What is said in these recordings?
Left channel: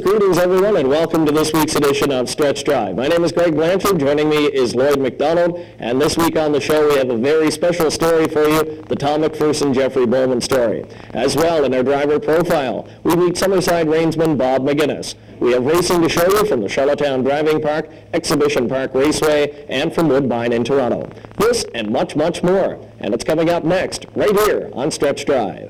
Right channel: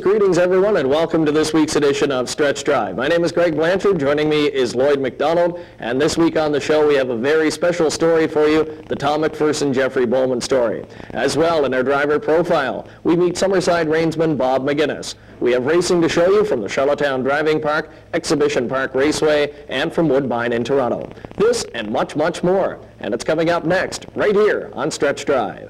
Greetings everyone, and welcome to this week's edition of Stretch Drive. My name is Greg Blanchard. Joining me is Lloyd McDonald, and this week on the show we have a very special story for you, the Tom McPherson Jeffrey Bowman story. As well, in our driver profile, we meet Summerside Rainsman Bob McGinnis. We have racing to show you from the Charlottetown Driving Park, Exhibition Park Raceway, and from Woodbine in Toronto. This and much, much more. And it's coming up next, right here on Stretch Drive.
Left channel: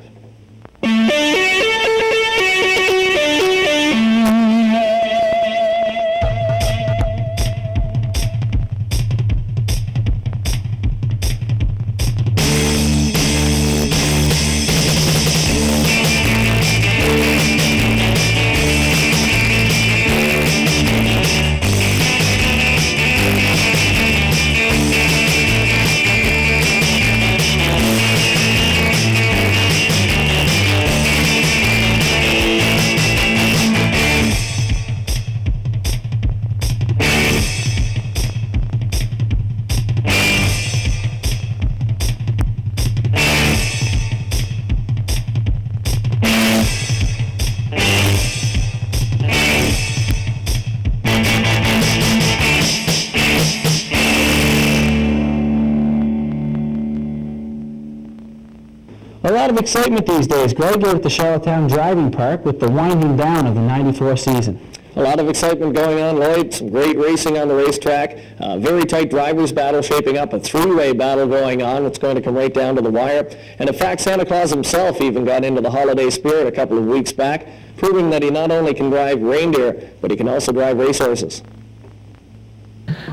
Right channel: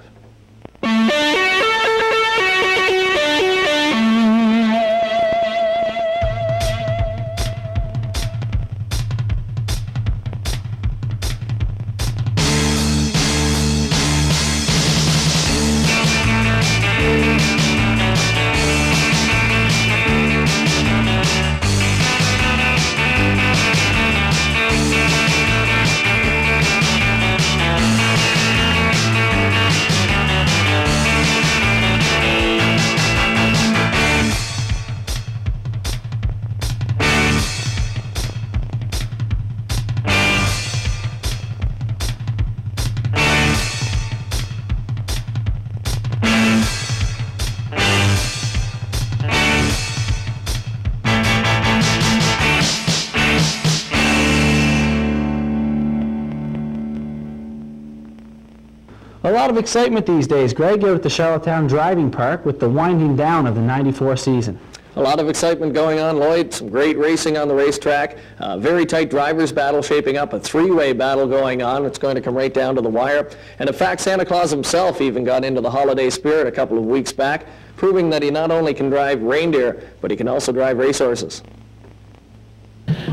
A lot of excitement these days, Greg, here at the Charlottetown Driving Park with the winding down of the '94 season. A lot of excitement going on, Lloyd. Some great racing on the racetrack. Very tight drivers' battle shaping up. A three-way battle going on. It's going to come right down to the wire. And in fact, Santa Claus himself even got into the holiday spirit a couple of weeks back, proving that he not only can drive reindeer, but he can also drive racehorses.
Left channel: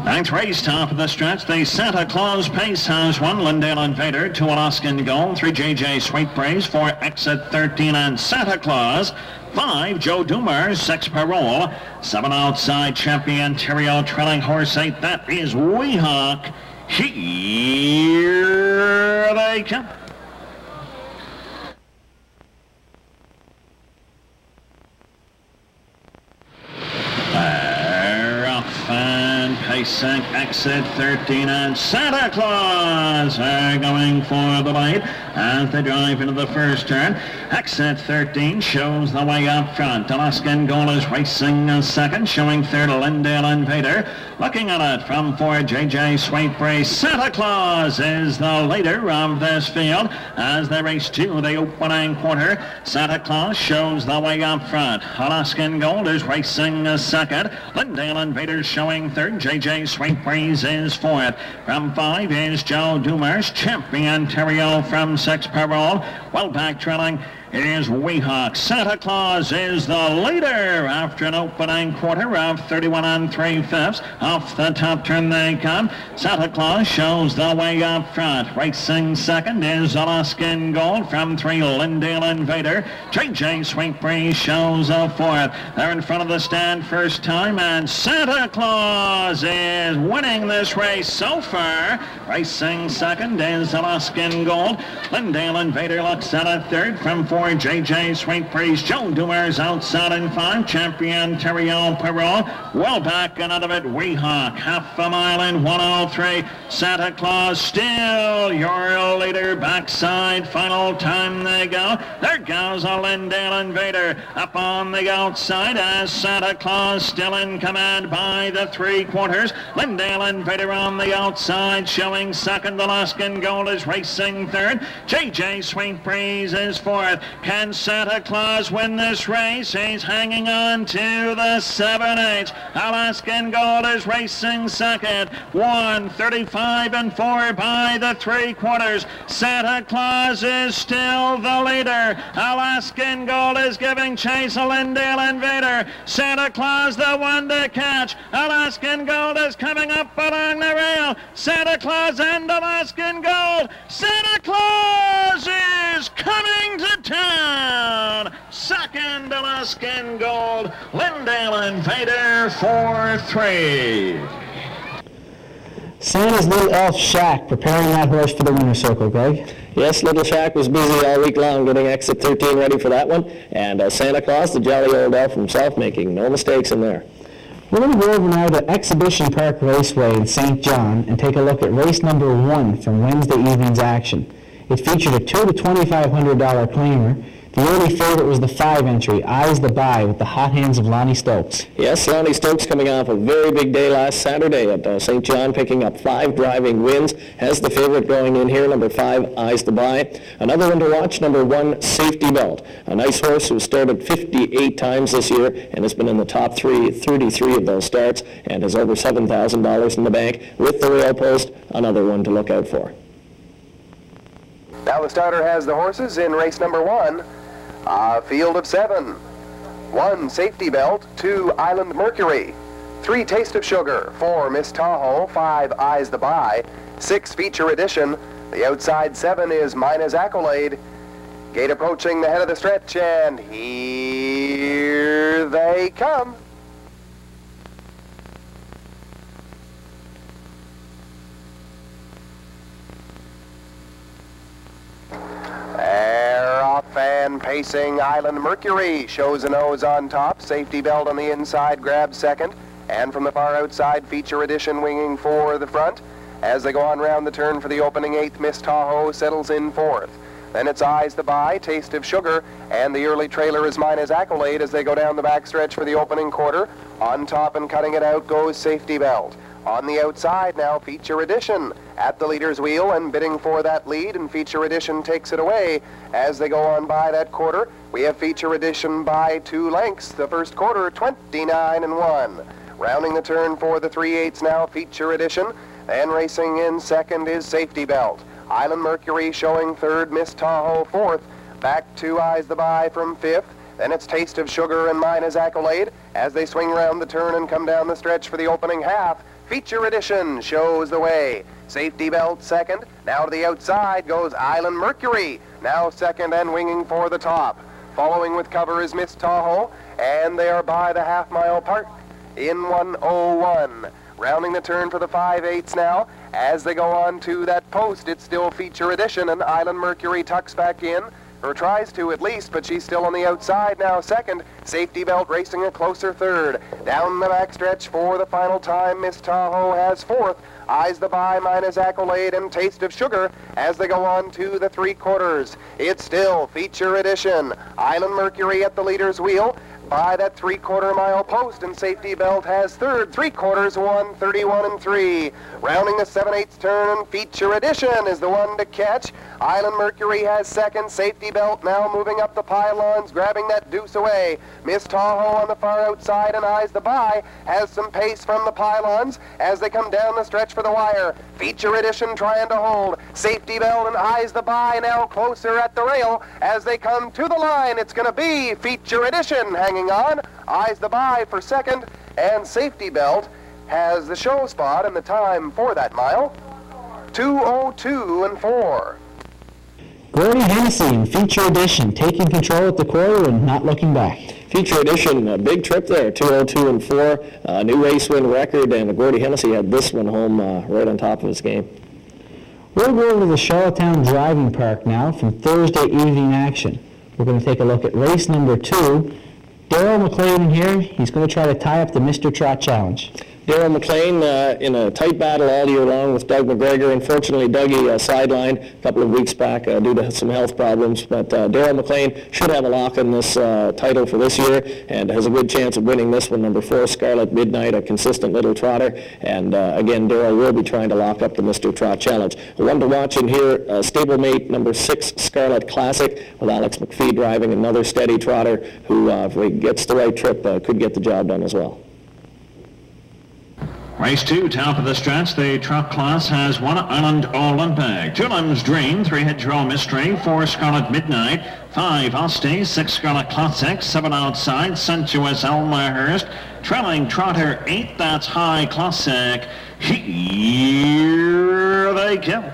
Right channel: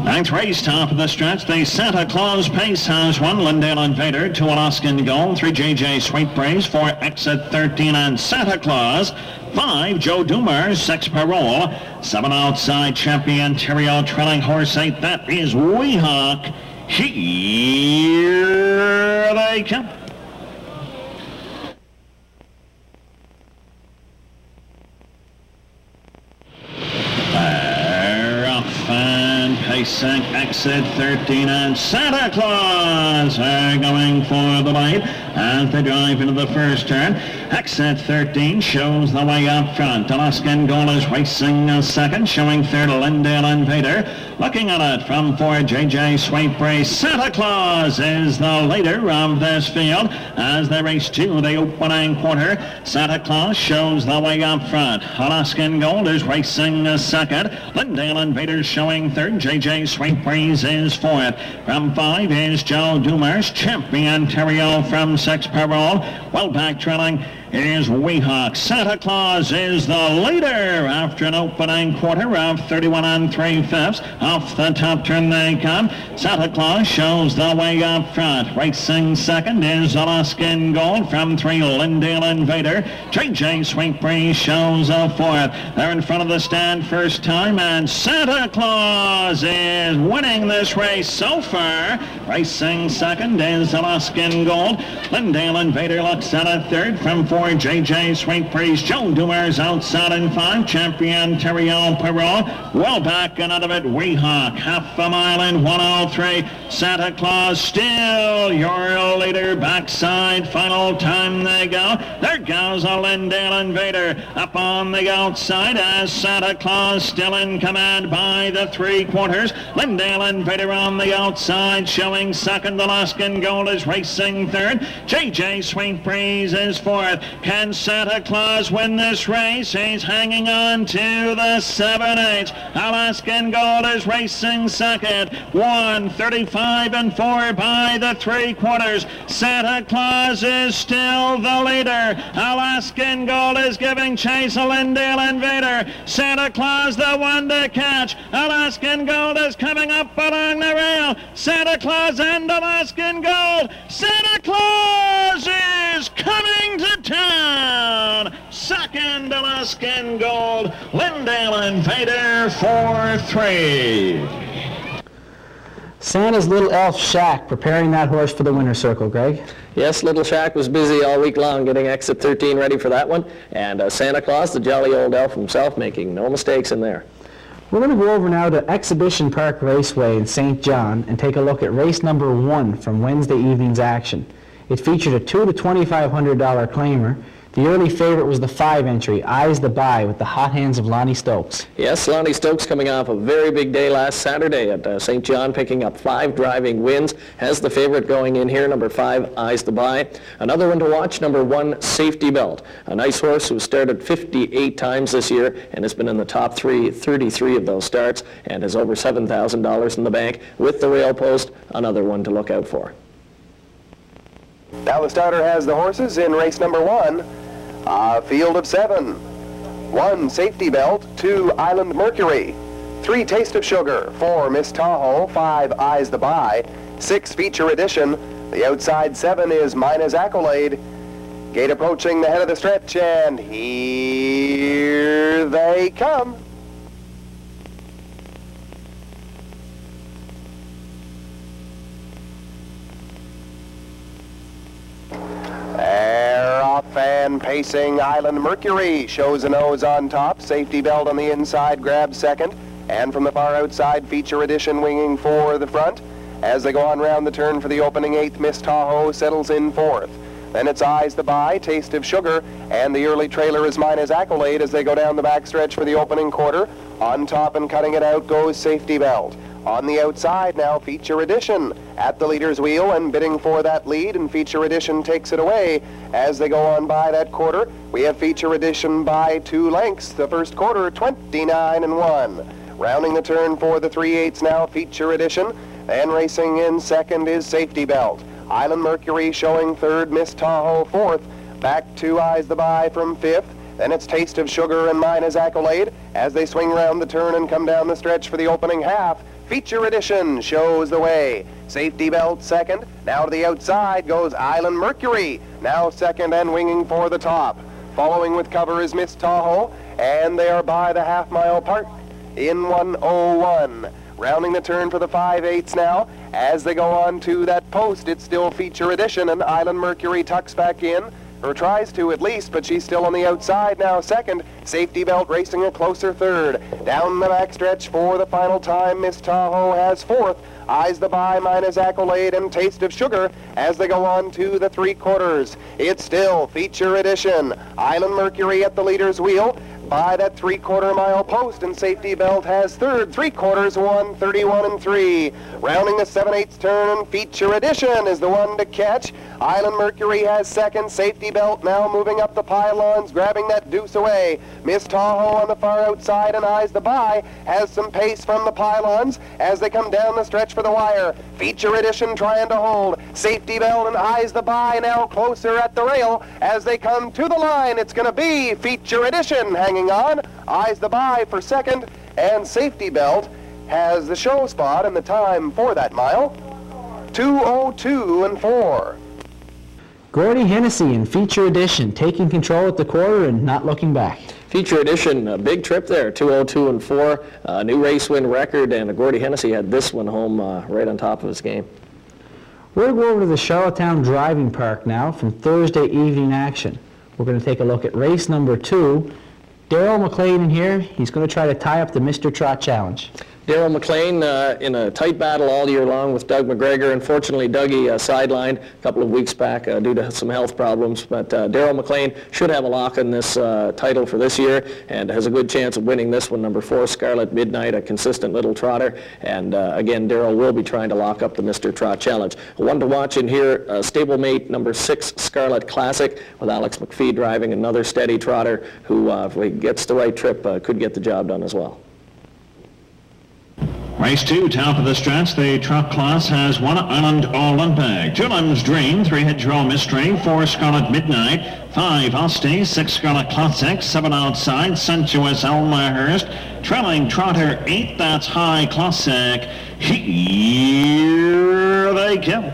Ninth race, top of the stretch. The Santa Claus pace has won. Lyndale Invader, 2 Alaskan Gold, 3 JJ Sweetbreeze, 4 Exit 13 and Santa Claus, 5 Joe Duuumarors, 6 Parole, 7 outside Championtaria, trailing horse 8. That is Weehawk. Here they come. Pacing Exit 13 and Santa Claus are going for the lead as they drive into the first turn. Exit 13 shows the way up front. Alaskan Gold is racing a second, showing third Lyndale Invader. Looking at it from 4 JJ Sweetbreeze, Santa Claus is the leader of this field as they race to the opening quarter. Santa Claus shows the way up front. Alaskan Gold is racing a second. Lyndale Invader showing third. JJ Sweetbreeze is fourth. From 5 is Joe Duuumarors. Championtaria from 6 Parole. Well back trailing is Weehawk. Santa Claus is the leader after an opening quarter of 31 3/5. Off the top turn they come. Santa Claus shows the way up front. Racing second is Alaskan Gold from 3 Lyndale Invader. JJ Sweetbreeze shows a fourth. They're in front of the stand first time, and Santa Claus is winning this race so far. Racing second is Alaskan Gold. Lyndale Invader looks at a third from 4 JJ Sweetbreeze. Joe Duuumarors outside in 5. Championtaria Parole. Well back and out of it, Weehawk. Half a mile in 103. Santa Claus still your leader. Backside, final time they go. There goes a Lyndale Invader up on the outside as Santa Claus still in command by the 3/4. Lyndale Invader on the outside showing second. Alaskan Gold is racing third. JJ Sweetbreeze is fourth. Can Santa Claus win this race? He's hanging on to the 7/8. Alaskan Gold is racing second. 1:35 and 4 by the 3/4. Santa Claus is still the leader. Alaskan Gold is giving chase to Lyndale Invader. Santa Claus the one to catch. Alaskan Gold is coming up along the rail. Santa Claus and Alaskan Gold. Santa Claus is coming to town. Second Alaskan Gold. Lyndale Invader 4-3. Santa's little elf Shack preparing that horse for the winner's circle, Greg. Yes, Little Shack was busy all week long getting Exit 13 ready for that one. And Santa Claus, the jolly old elf himself, making no mistakes in there. We're going to go over now to Exhibition Park Raceway in St. John and take a look at race number 1 from Wednesday evening's action. It featured a $2,000 to $2,500 claimer. The early favorite was the 5 entry, Ise The By, with the hot hands of Lonnie Stokes. Yes, Lonnie Stokes coming off a very big day last Saturday at St. John, picking up 5 driving wins. Has the favorite going in here, number 5, Ise The By. Another one to watch, number 1, Safety Belt. A nice horse who started 58 times this year and has been in the top 33 of those starts and has over $7,000 in the bank. With the rail post, another one to look out for. Now the starter has the horses in race number 1. A field of 7. 1, Safety Belt. 2, Island Mercury. 3, Tasteofsugar. 4, Miss Tahoe. 5, Ise The By. 6, Feature Edition. The outside 7 is mynahs Accolade. Gate approaching the head of the stretch, and here they come. They're off and pacing. Island Mercury shows a nose on top. Safety Belt on the inside grabs second. And from the far outside, Feature Edition winging for the front. As they go on round the turn for the opening 8th, Miss Tahoe settles in 4th. Then it's Ise The By, Tasteofsugar, and the early trailer is mynahs Accolade as they go down the backstretch for the opening quarter. On top and cutting it out goes Safety Belt. On the outside now, Feature Edition at the leader's wheel and bidding for that lead, and Feature Edition takes it away. As they go on by that quarter, we have Feature Edition by 2 lengths. The first quarter, 29-1. Rounding the turn for the 3/8 now, Feature Edition. Then racing in second is Safety Belt. Island Mercury showing third, Miss Tahoe 4th. Back to Ise The By from 5th. Then it's Tasteofsugar and mynahs Accolade as they swing round the turn and come down the stretch for the opening half. Feature Edition shows the way. Safety Belt second. Now to the outside goes Island Mercury. Now second and winging for the top. Following with cover is Miss Tahoe, and they are by the half-mile park in 1:01. Rounding the turn for the 5/8 now. As they go on to that post, it's still Feature Edition, and Island Mercury tucks back in, or tries to at least, but she's still on the outside now second. Safety Belt racing a closer third. Down the backstretch for the final time, Miss Tahoe has 4th. Ise The By, mynahs Accolade, and Tasteofsugar as they go on to the 3/4. It's still Feature Edition. Island Mercury at the leader's wheel by that 3/4 mile post, and Safety Belt has third. 3/4, 1:31-3. Rounding the 7/8 turn, Feature Edition is the one to catch. Island Mercury has second. Safety Belt now moving up the pylons, grabbing that deuce away. Miss Tahoe on the far outside, and Ise The By has some pace from the pylons as they come down the stretch for the wire. Feature Edition trying to hold. Safety Belt and Ise The By now closer at the rail as they come to the line. It's going to be Feature Edition hanging on. Ise The By for second, and Safety Belt has the show spot and the time for that mile, 2:02-4. Gordy Hennessy in Feature Edition, taking control at the quarter and not looking back. Feature Edition, a big trip there, 2:02-4, new race win record, and Gordy Hennessy had this one home right on top of his game. We'll go over to the Charlottetown Driving Park now for Thursday evening action. We're going to take a look at race number 2. Darryl McLean here. He's going to try to tie up the Mr. Trot Challenge. Darryl McLean in a tight battle all year long with Doug McGregor. Unfortunately, Dougie sidelined a couple of weeks back due to some health problems. But Darryl McLean should have a lock on this title for this year and has a good chance of winning this one. Number 4, Scarlet Midnight, a consistent little trotter. And again, Darryl will be trying to lock up the Mr. Trot Challenge. The one to watch in here, stablemate number 6, Scarlet Classic, with Alex McPhee driving, another steady trotter who, if he gets the right trip, could get the job done as well. Race 2, top of the stretch. The truck class has 1 Island Olympic, 2 Limbs Dream, 3 Hedgerow Mystery, 4 Scarlet Midnight, 5 Ostsee, 6 Scarlet Classic, 7 outside, Sensuous Elmhurst, trailing trotter 8, that's High Classic. Here they come.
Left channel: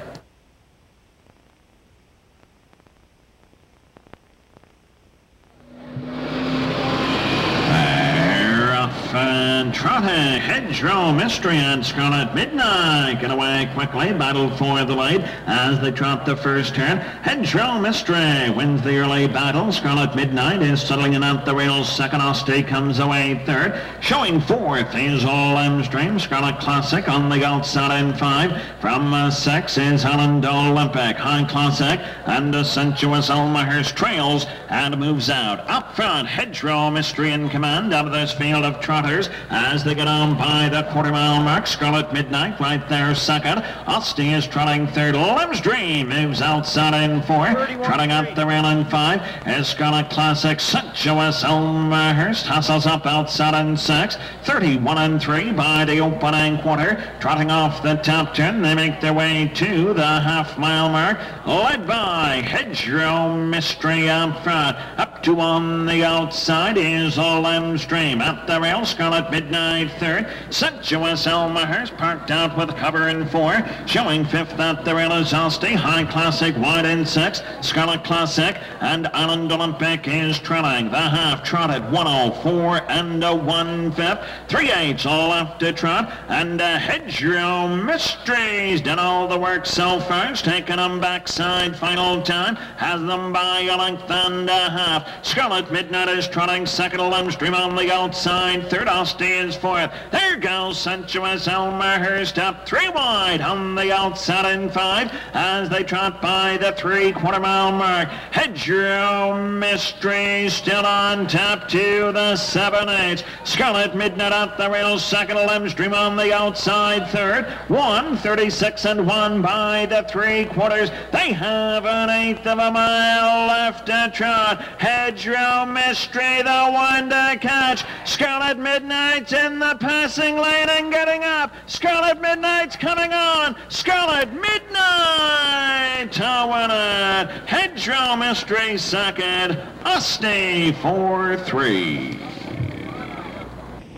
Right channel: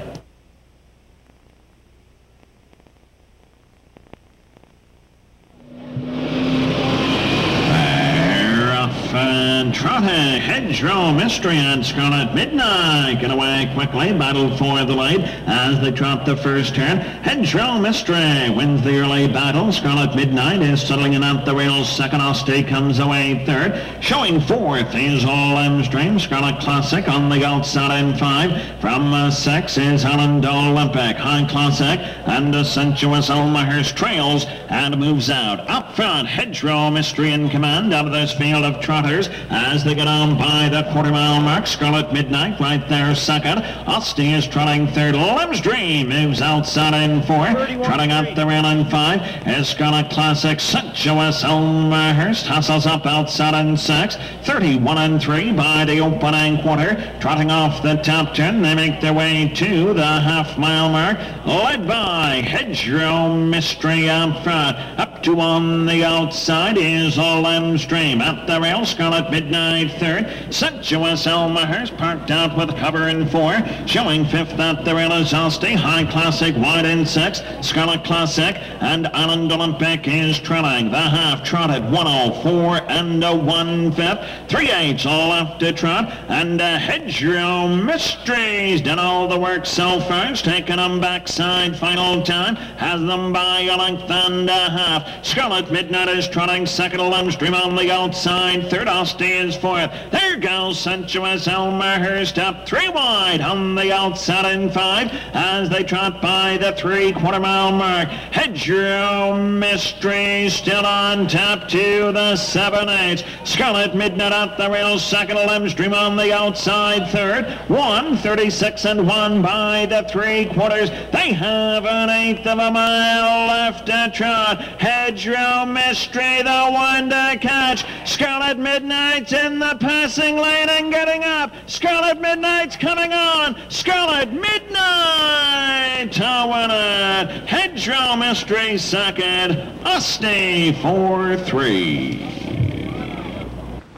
trotted. Hedgerow, Mystery, and Scarlet Midnight get away quickly. Battle for the lead as they trot the first turn. Hedgerow, Mystery wins the early battle. Scarlet Midnight is settling in at the rails second. Ostsee comes away third. Showing fourth is Lemstream. Scarlet Classic on the outside in 5. From 6 is Allan Olympic. High Classic and Sensuous Elmhurst trails and moves out. Up front, Hedgerow, Mystery in command out of this field of trotters as they get on by the quarter-mile mark. Scarlet Midnight right there second. Ostsee is trotting third. Lemstream moves outside in 4. Trotting up the rail in 5 is Scarlet Classic. Sensuous Elmhurst hustles up outside in 6. 31 and 3 by the opening quarter. Trotting off the top turn, they make their way to the half-mile mark, led by Hedgerow, Mystery up front. Up to on the outside is Lemstream. At the rail, Scarlet Midnight third. Sensuous Elmhurst parked out with cover in 4. Showing fifth at the rail is Ostsee. High Classic wide in 6. Scarlet Classic and Allan Olympic is trailing. The half trotted 104 and a 1/5. 3/8 left to trot, and Hedgerow Mysteries done all the work so far. It's taken them backside final time. Has them by a length and a half. Scarlet Midnight is trotting second. Lemstream on the outside third. Ostsee is fourth. There goes Sensuous Elmhurst up 3 wide on the outside in 5 as they trot by the 3/4 mile mark. Hedgerow Mystery still on top to the 7/8. Scarlet Midnight at the rail second. Lemstream on the outside third. 1:36 and 1 by the 3/4. They have an 1/8 of a mile left to trot. Hedgerow Mystery the one to catch. Scarlet Midnight's in the passing lane and getting up. Scarlet Midnight's coming on. Scarlet Midnight to win it. Hedgerow Mystery second. Ostsee 4-3.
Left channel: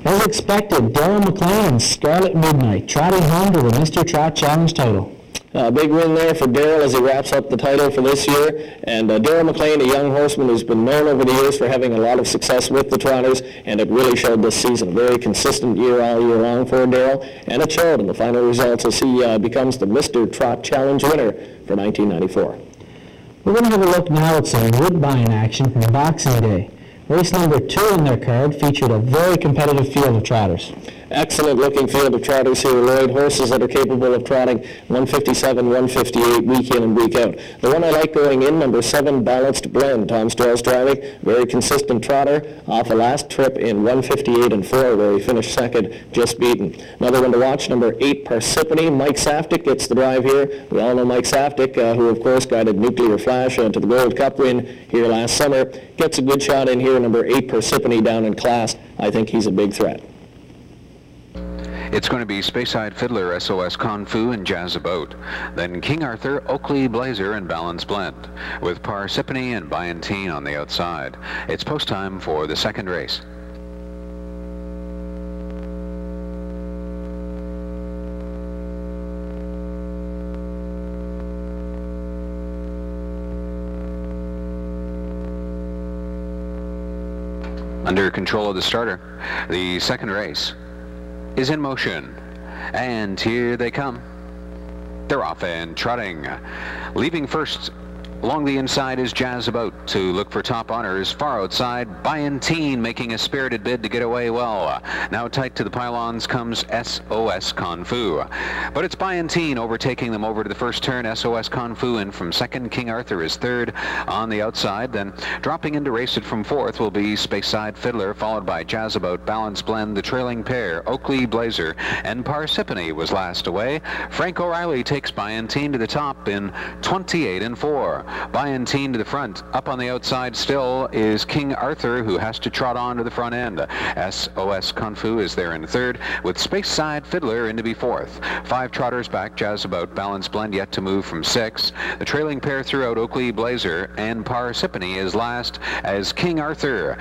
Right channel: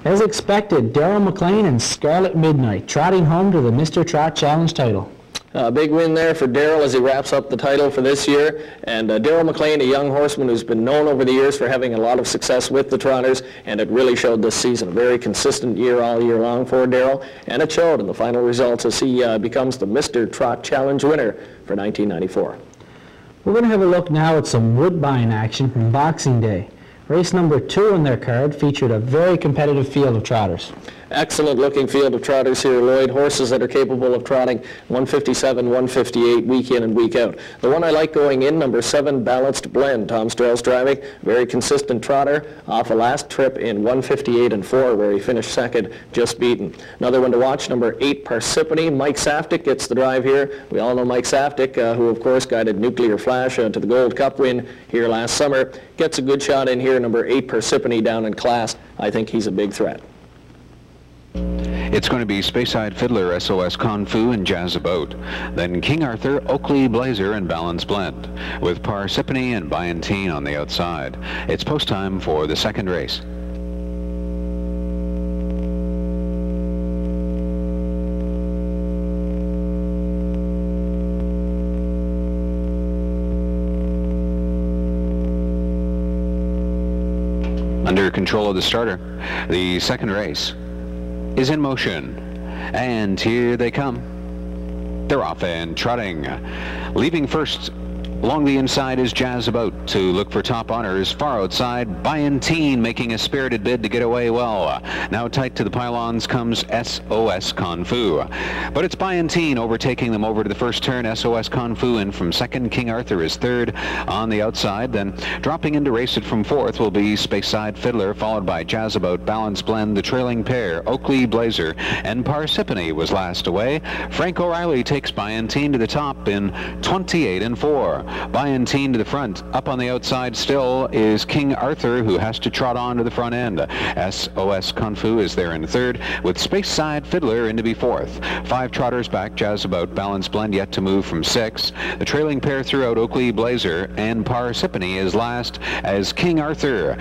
As expected, Darren McLean and Scarlet Midnight trotting home to the Mr. Trot Challenge title. A big win there for Daryl as he wraps up the title for this year. And Daryl McLean, a young horseman who's been known over the years for having a lot of success with the trotters, and it really showed this season. A very consistent year all year long for Daryl, and it showed in the final results as he becomes the Mr. Trot Challenge winner for 1994. We're going to have a look now at some Woodbine action from Boxing Day. Race number 2 in their card featured a very competitive field of trotters. Excellent looking field of trotters here, Lloyd. Horses that are capable of trotting 157, 158 week in and week out. The one I like going in, number 7, Balanced Blend. Tom Strell's driving. Very consistent trotter. Off a last trip in 158 and 4 where he finished second, just beaten. Another one to watch, number 8, Parsippany. Mike Saftik gets the drive here. We all know Mike Saftik, who of course guided Nuclear Flash to the Gold Cup win here last summer. Gets a good shot in here, number 8, Parsippany down in class. I think he's a big threat. It's going to be Speyside Fiddler, SOS Kung Fu, and Jazz About. Then King Arthur, Oakley Blazer, and Balance Blend, with Parsippany and Byantine on the outside. It's post time for the second race. Under control of the starter, the second race is in motion, and here they come. They're off and trotting. Leaving first along the inside is Jazz About to look for top honors. Far outside, Byantine making a spirited bid to get away well. Now tight to the pylons comes SOS Kung Fu. But it's Byantine overtaking them over to the first turn. SOS Kung Fu in from second. King Arthur is third on the outside. Then dropping in to race it from fourth will be Speyside Fiddler, followed by Jazz About, Balance Blend, the trailing pair, Oakley Blazer, and Parsippany was last away. Frank O'Reilly takes Byantine to the top in 28 and 4. Byantine to the front. Up on the outside still is King Arthur, who has to trot on to the front end. SOS Kung Fu is there in third, with Speyside Fiddler in to be fourth. 5 trotters back, Jazz About, Balance Blend yet to move from 6. The trailing pair throughout, Oakley Blazer, and Parsippany is last as King Arthur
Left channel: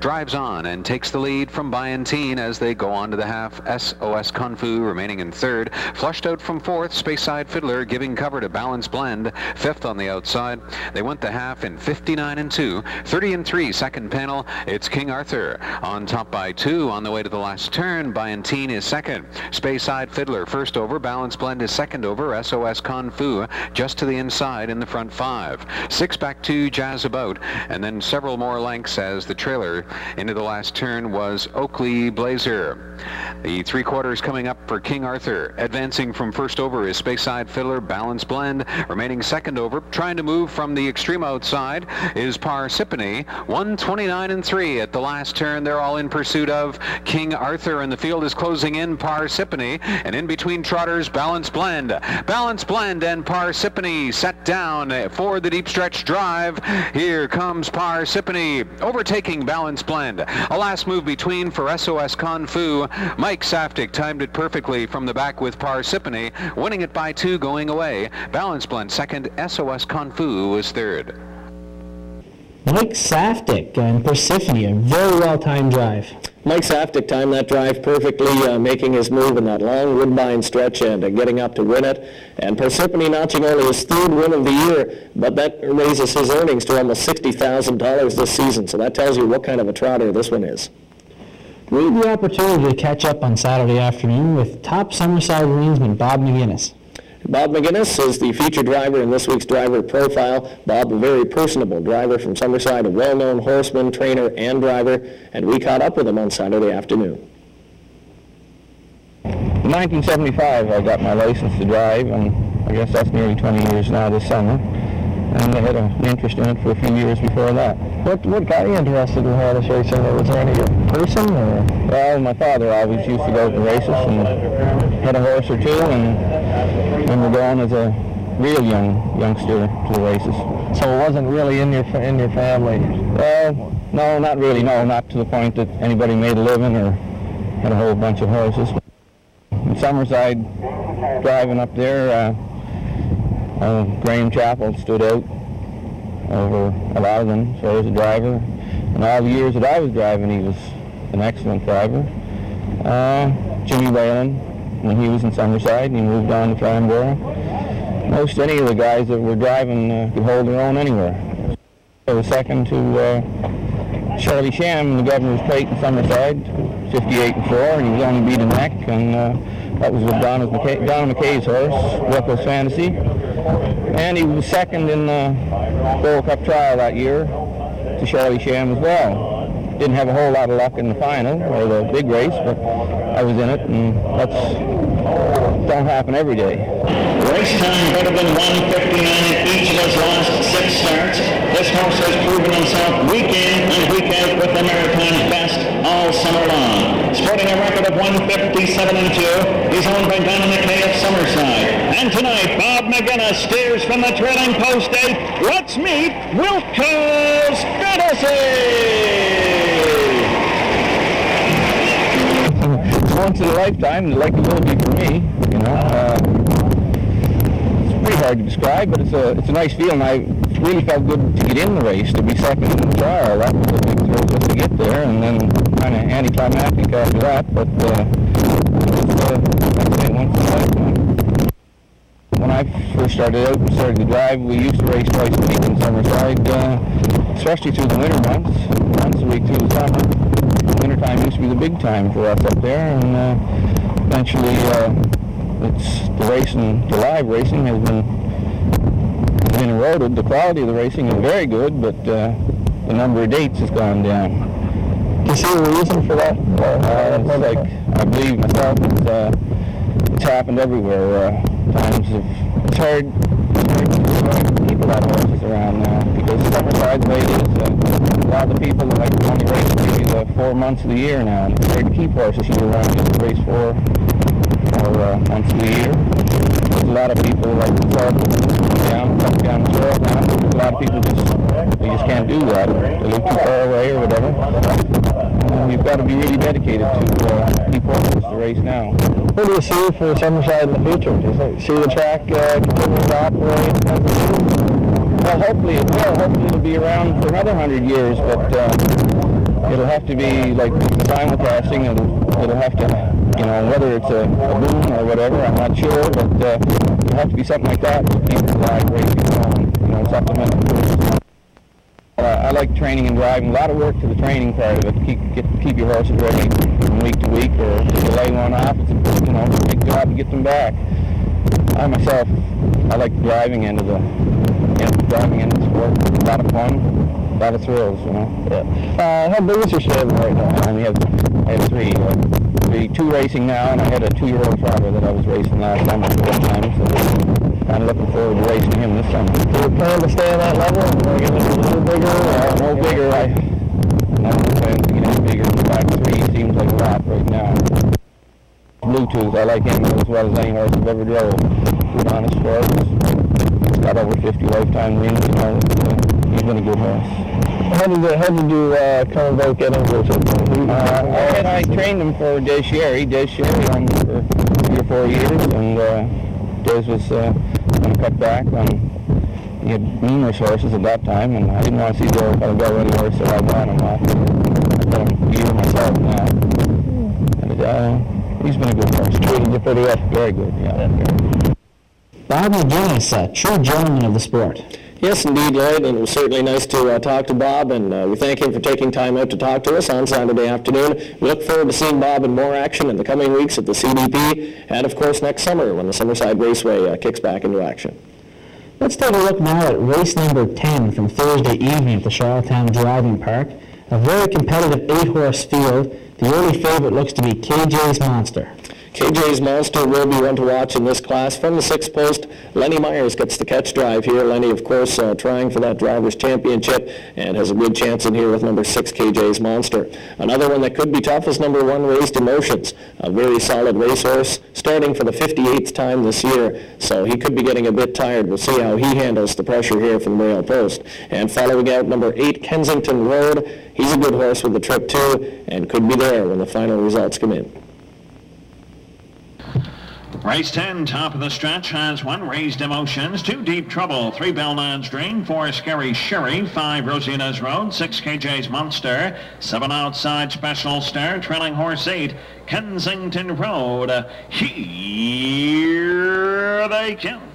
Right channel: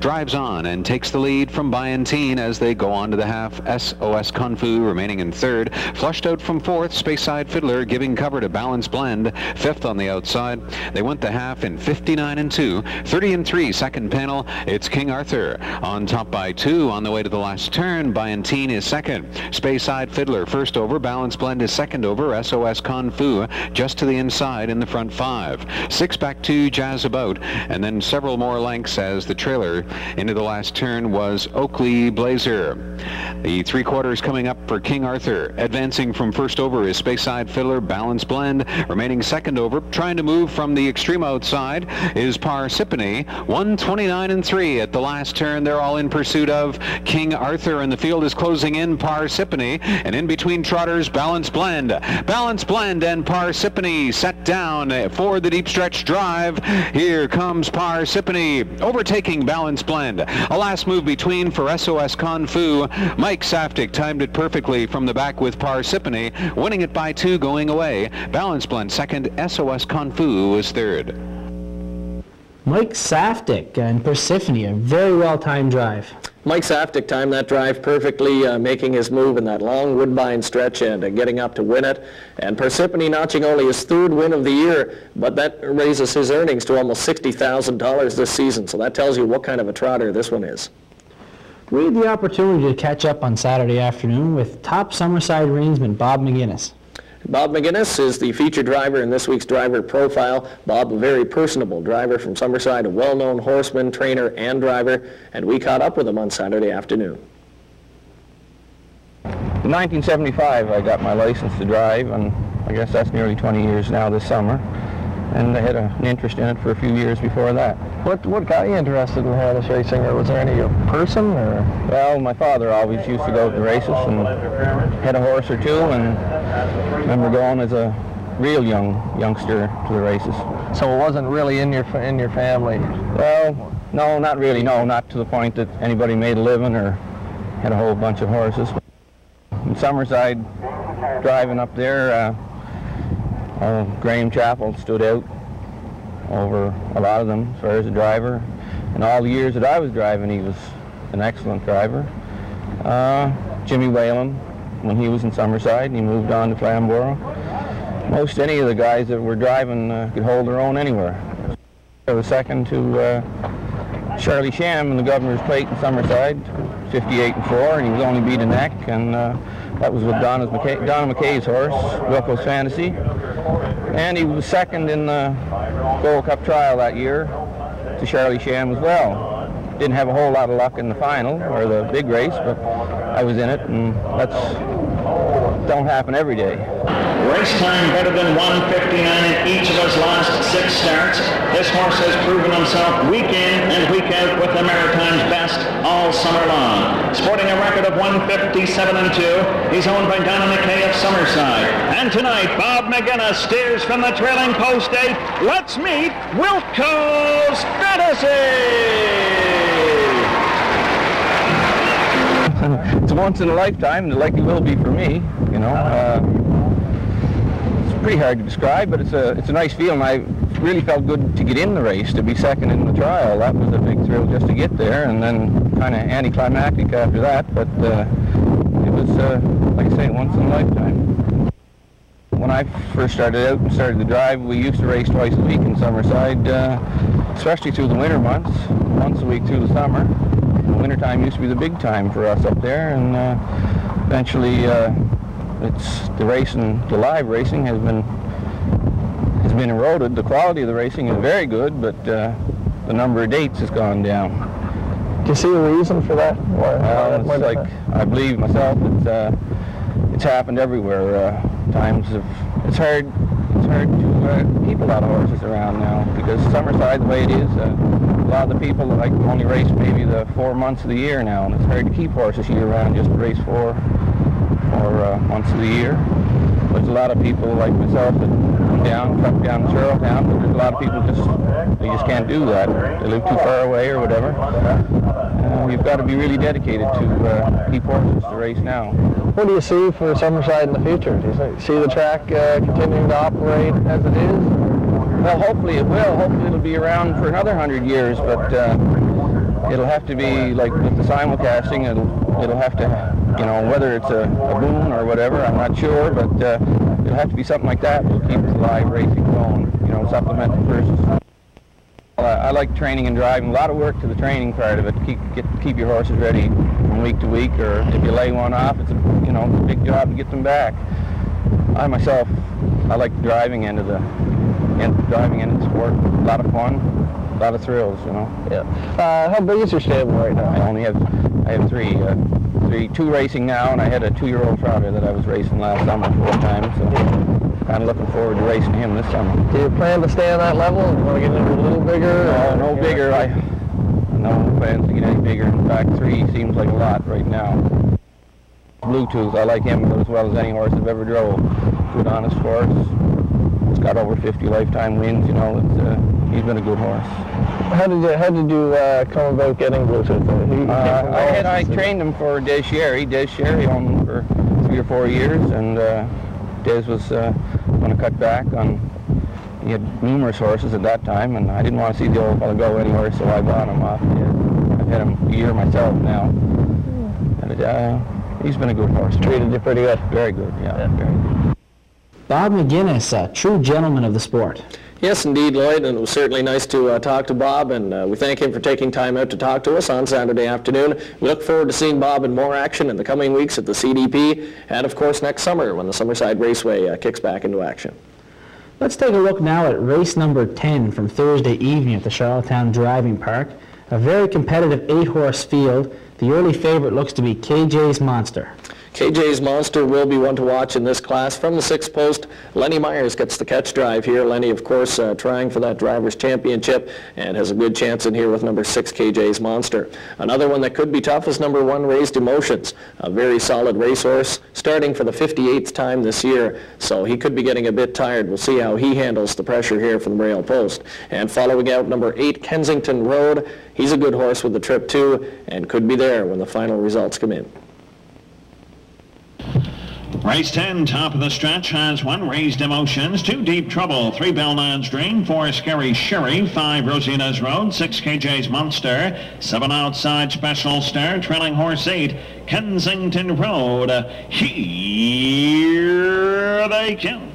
drives on and takes the lead from Byantine as they go on to the half. SOS Kung Fu remaining in third. Flushed out from fourth, Speyside Fiddler giving cover to Balance Blend. Fifth on the outside outside. They went the half in 59-2. 30-3 second panel. It's King Arthur on top by 2 on the way to the last turn. Byantine is second. Speyside Fiddler first over. Balance Blend is second over. SOS Kung Fu just to the inside in the front 5. 6 back 2 Jazz About, and then several more lengths as the trailer into the last turn was Oakley Blazer. The 3/4 coming up for King Arthur. Advancing from first over is Speyside Fiddler. Balance Blend remaining second over. Trying to move from the extreme outside is Parsippany. 129-3 at the last turn. They're all in pursuit of King Arthur, and the field is closing in Parsippany, and in between trotters Balance Blend. Balance Blend and Parsippany set down for the deep stretch drive. Here comes Parsippany overtaking Balance Blend. A last move between for SOS Kung Fu. Mike Saftik timed it perfectly from the back with Parsippany, winning it by 2 going away. Balance Blend second, SOS Kung Fu was third. Mike Saftik and Persephone, a very well-timed drive. Mike Saftik timed that drive perfectly, making his move in that long woodbine stretch and getting up to win it. And Parsippany notching only his 3rd win of the year, but that raises his earnings to almost $60,000 this season. So that tells you what kind of a trotter this one is. We had the opportunity to catch up on Saturday afternoon with top Summerside greensman Bob McGinnis. Bob McGinnis is the featured driver in this week's driver profile. Bob, a very personable driver from Summerside, a well-known horseman, trainer, and driver, and we caught up with him on Saturday afternoon. In 1975, I got my license to drive, and I guess that's nearly 20 years now this summer. And I had an interest in it for a few years before that. What got you interested in horse racing? Or was there any person? Or? Well, my father always used to go to races and had a horse or two, and would go on as a real youngster to the races. So it wasn't really in your family? Well, no, not really. No, not to the point that anybody made a living or had a whole bunch of horses. In Summerside, driving up there, Graham Chappell stood out over a lot of them as far as a driver. And all the years that I was driving, he was an excellent driver. Jimmy Whalen, when he was in Summerside, and he moved on to Farnborough. Most any of the guys that were driving could hold their own anywhere. I was second to Charlie Sham, the governor's plate in Summerside, 58-4, and he was only beat a neck, and that was with Donna McKay's horse, Reckless Fantasy. And he was second in the Gold Cup trial that year to Charlie Sham as well. Didn't have a whole lot of luck in the final, or the big race, but I was in it, and that's don't happen every day. Race time could have been 1:59 each of those last 6 starts. This horse has proven himself week in and week out with the American best all summer long. Sporting a record of 1:57-2, he's owned by Donna McKay of Summerside. And tonight, Bob McGinnis steers from the trailing post 8. Let's meet Wilco's Fantasy! Once in a lifetime, like it will be for me, you know. It's pretty hard to describe, but it's a nice feeling. I really felt good to get in the race, to be second in the trial. That was a big thrill just to get there, and then kind of anticlimactic after that, but it's once in a lifetime. When I first started to drive, we used to race twice a week in Summerside, especially through the winter months, once a week through the summer. Wintertime used to be the big time for us up there, and eventually the racing, the live racing has been eroded. The quality of the racing is very good, but the number of dates has gone down. Do you see the reason for that? Like I believe myself, it's happened everywhere. It's hard to keep a lot of horses around now, because Summerside races, a lot of the people that like to only race maybe the 4 months of the year now. It's hard to keep horses year-round, just to race 4 months of the year. There's a lot of people like myself down the trail now. There's a lot of people they just can't do that. They live too far away or whatever. We've got to be really dedicated to keep horses to race now. What do you see for Summerside in the future? Does it see the track operate? Well, hopefully it will. Hopefully it'll be around for another 100 years, but it'll have to be like simulcasting, and it'll have to, whether it's a boom or whatever, I'm not sure, but it'll have to be something like that to keep the live racing going. supplemental purposes. I like training and driving. A lot of work to the training part of it. Keep your horses ready from week to week, or if you lay one off, it's a big job to get them back. I myself, I like the driving end of the sport. A lot of fun, a lot of thrills, Yeah. How big is your stable right now? I only have three. Two racing now, and I had a 2-year-old trotter that I was racing last time at the time, so I'm looking forward to racing him this summer. Do you plan to stay on that level, or get a little bigger? No bigger. No plan to get any bigger. 5'3" seems like a lot right now. Bluetooth, I like him as well as any horse I've ever drove. Good honest horse. He's got over 50 lifetime wins, he's been a good horse. How did you come about getting this? I trained him for Des Sherry. Des Sherry owned him for 3 or 4 years, and Des was going to cut back on. He had numerous horses at that time, and I didn't want to see the old go anywhere, so I bought him off. I've got him here myself now. And, he's been a good horse. Treated you pretty up. Very good, yeah. Bob Lewis, a true gentleman of the sport. Yes, indeed, Lloyd, and it was certainly nice to talk to Bob, and we thank him for taking time out to talk to us on Saturday afternoon. We look forward to seeing Bob in more action in the coming weeks at the CDP, and of course next summer when the Summerside Raceway kicks back into action. Let's take a look now at race number 10 from Thursday evening at the Charlottetown Driving Park. A very competitive 8-horse field. The only favorite looks to be KJ's Monster. KJ's Monster will be one to watch in this class. From the 6th post, Lenny Myers gets the catch drive here. Lenny, of course, trying for that Drivers' Championship and has a good chance in here with number 6, KJ's Monster. Another one that could be tough is number 1, Raised Emotions, a very solid racehorse, starting for the 58th time this year, so he could be getting a bit tired. We'll see how he handles the pressure here from rail post. And following out, number 8, Kensington Road. He's a good horse with the trip too, and could be there when the final results come in. Race 10, top of the stretch, has 1, Raised Emotions, 2, Deep Trouble, 3, Belnan's Dream, 4, Scaari Sherry, 5, Rosina's Road, 6, KJ's Monster, 7, Outside Special Star, trailing horse 8, Kensington Road. Here they come.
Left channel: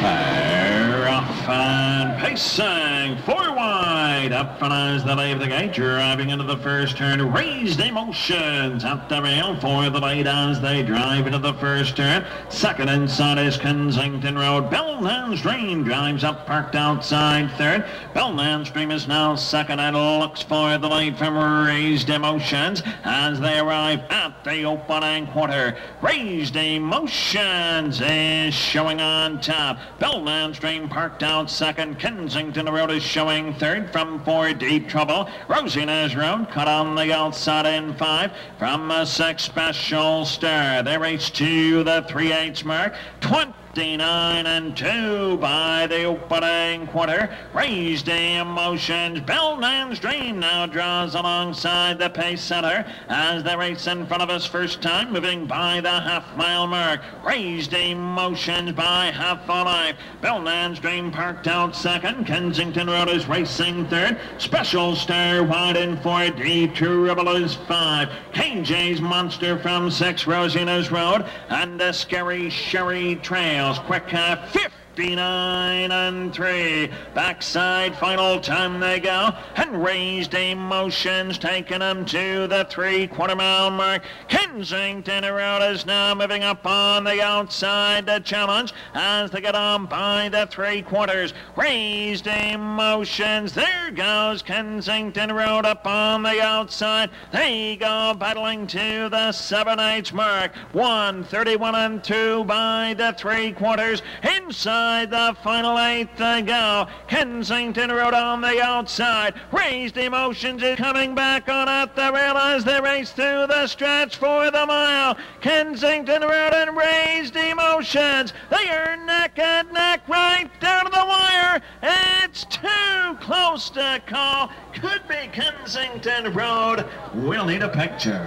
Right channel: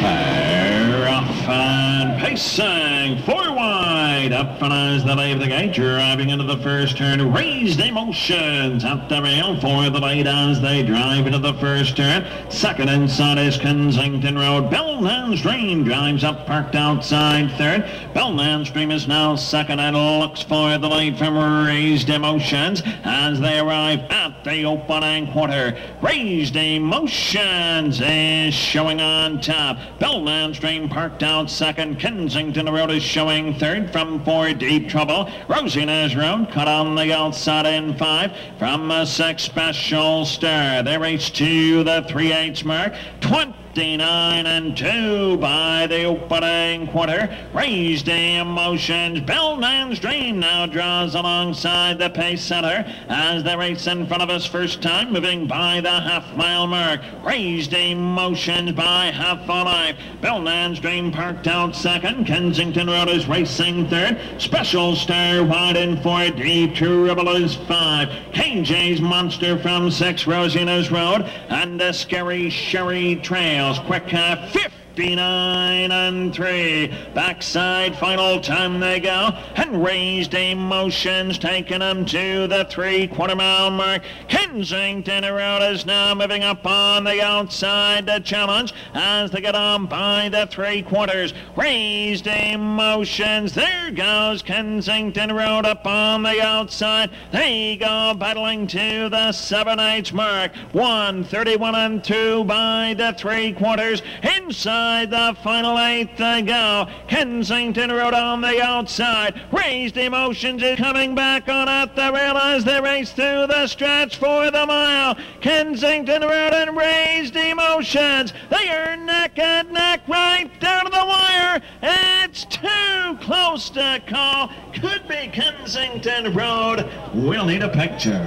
They're off and pacing 4 wide. Up front as they leave the gate, driving into the first turn. Raised Emotions at the rail for the lead as they drive into the first turn. Second inside is Kensington Road. Belnan's Dream drives up, parked outside third. Belnan's Dream is now second and looks for the lead from Raised Emotions as they arrive at the opening quarter. Raised Emotions is showing on top. Belnan's Dream parked out second. Kensington Road is showing third from 4, Deep Trouble. Rosina's Road cut on the outside in 5 from 6, Special Star. They race to the 3/8 mark. 29 and 2 by the opening quarter. Raised Emotions. Belnan's Dream now draws alongside the pace setter as they race in front of us first time, moving by the half-mile mark. Raised Emotions by half a life. Belnan's Dream parked out second. Kensington Road is racing third. Special Star wide in 4. Deep Trouble is 5. KJ's Monster from 6. Rosina's Road and the Scaari Sherry trails. Quick 59 and 3. Backside final time they go. And Raised Emotions taking them to the 3/4 mile mark. Kensington Road is now moving up on the outside to challenge as they get on by the 3/4. Raised Emotions. There goes Kensington Road up on the outside. They go battling to the 7/8 mark. 1:31 and 2 by the 3/4. Inside the final 8 to go. Kensington Road on the outside. Raised Emotions is coming back on at the rail as they race through the stretch for the mile. Kensington Road and Raised Emotions. They are neck and neck right down to the wire. It's too close to call. Could be Kensington Road. We'll need a picture.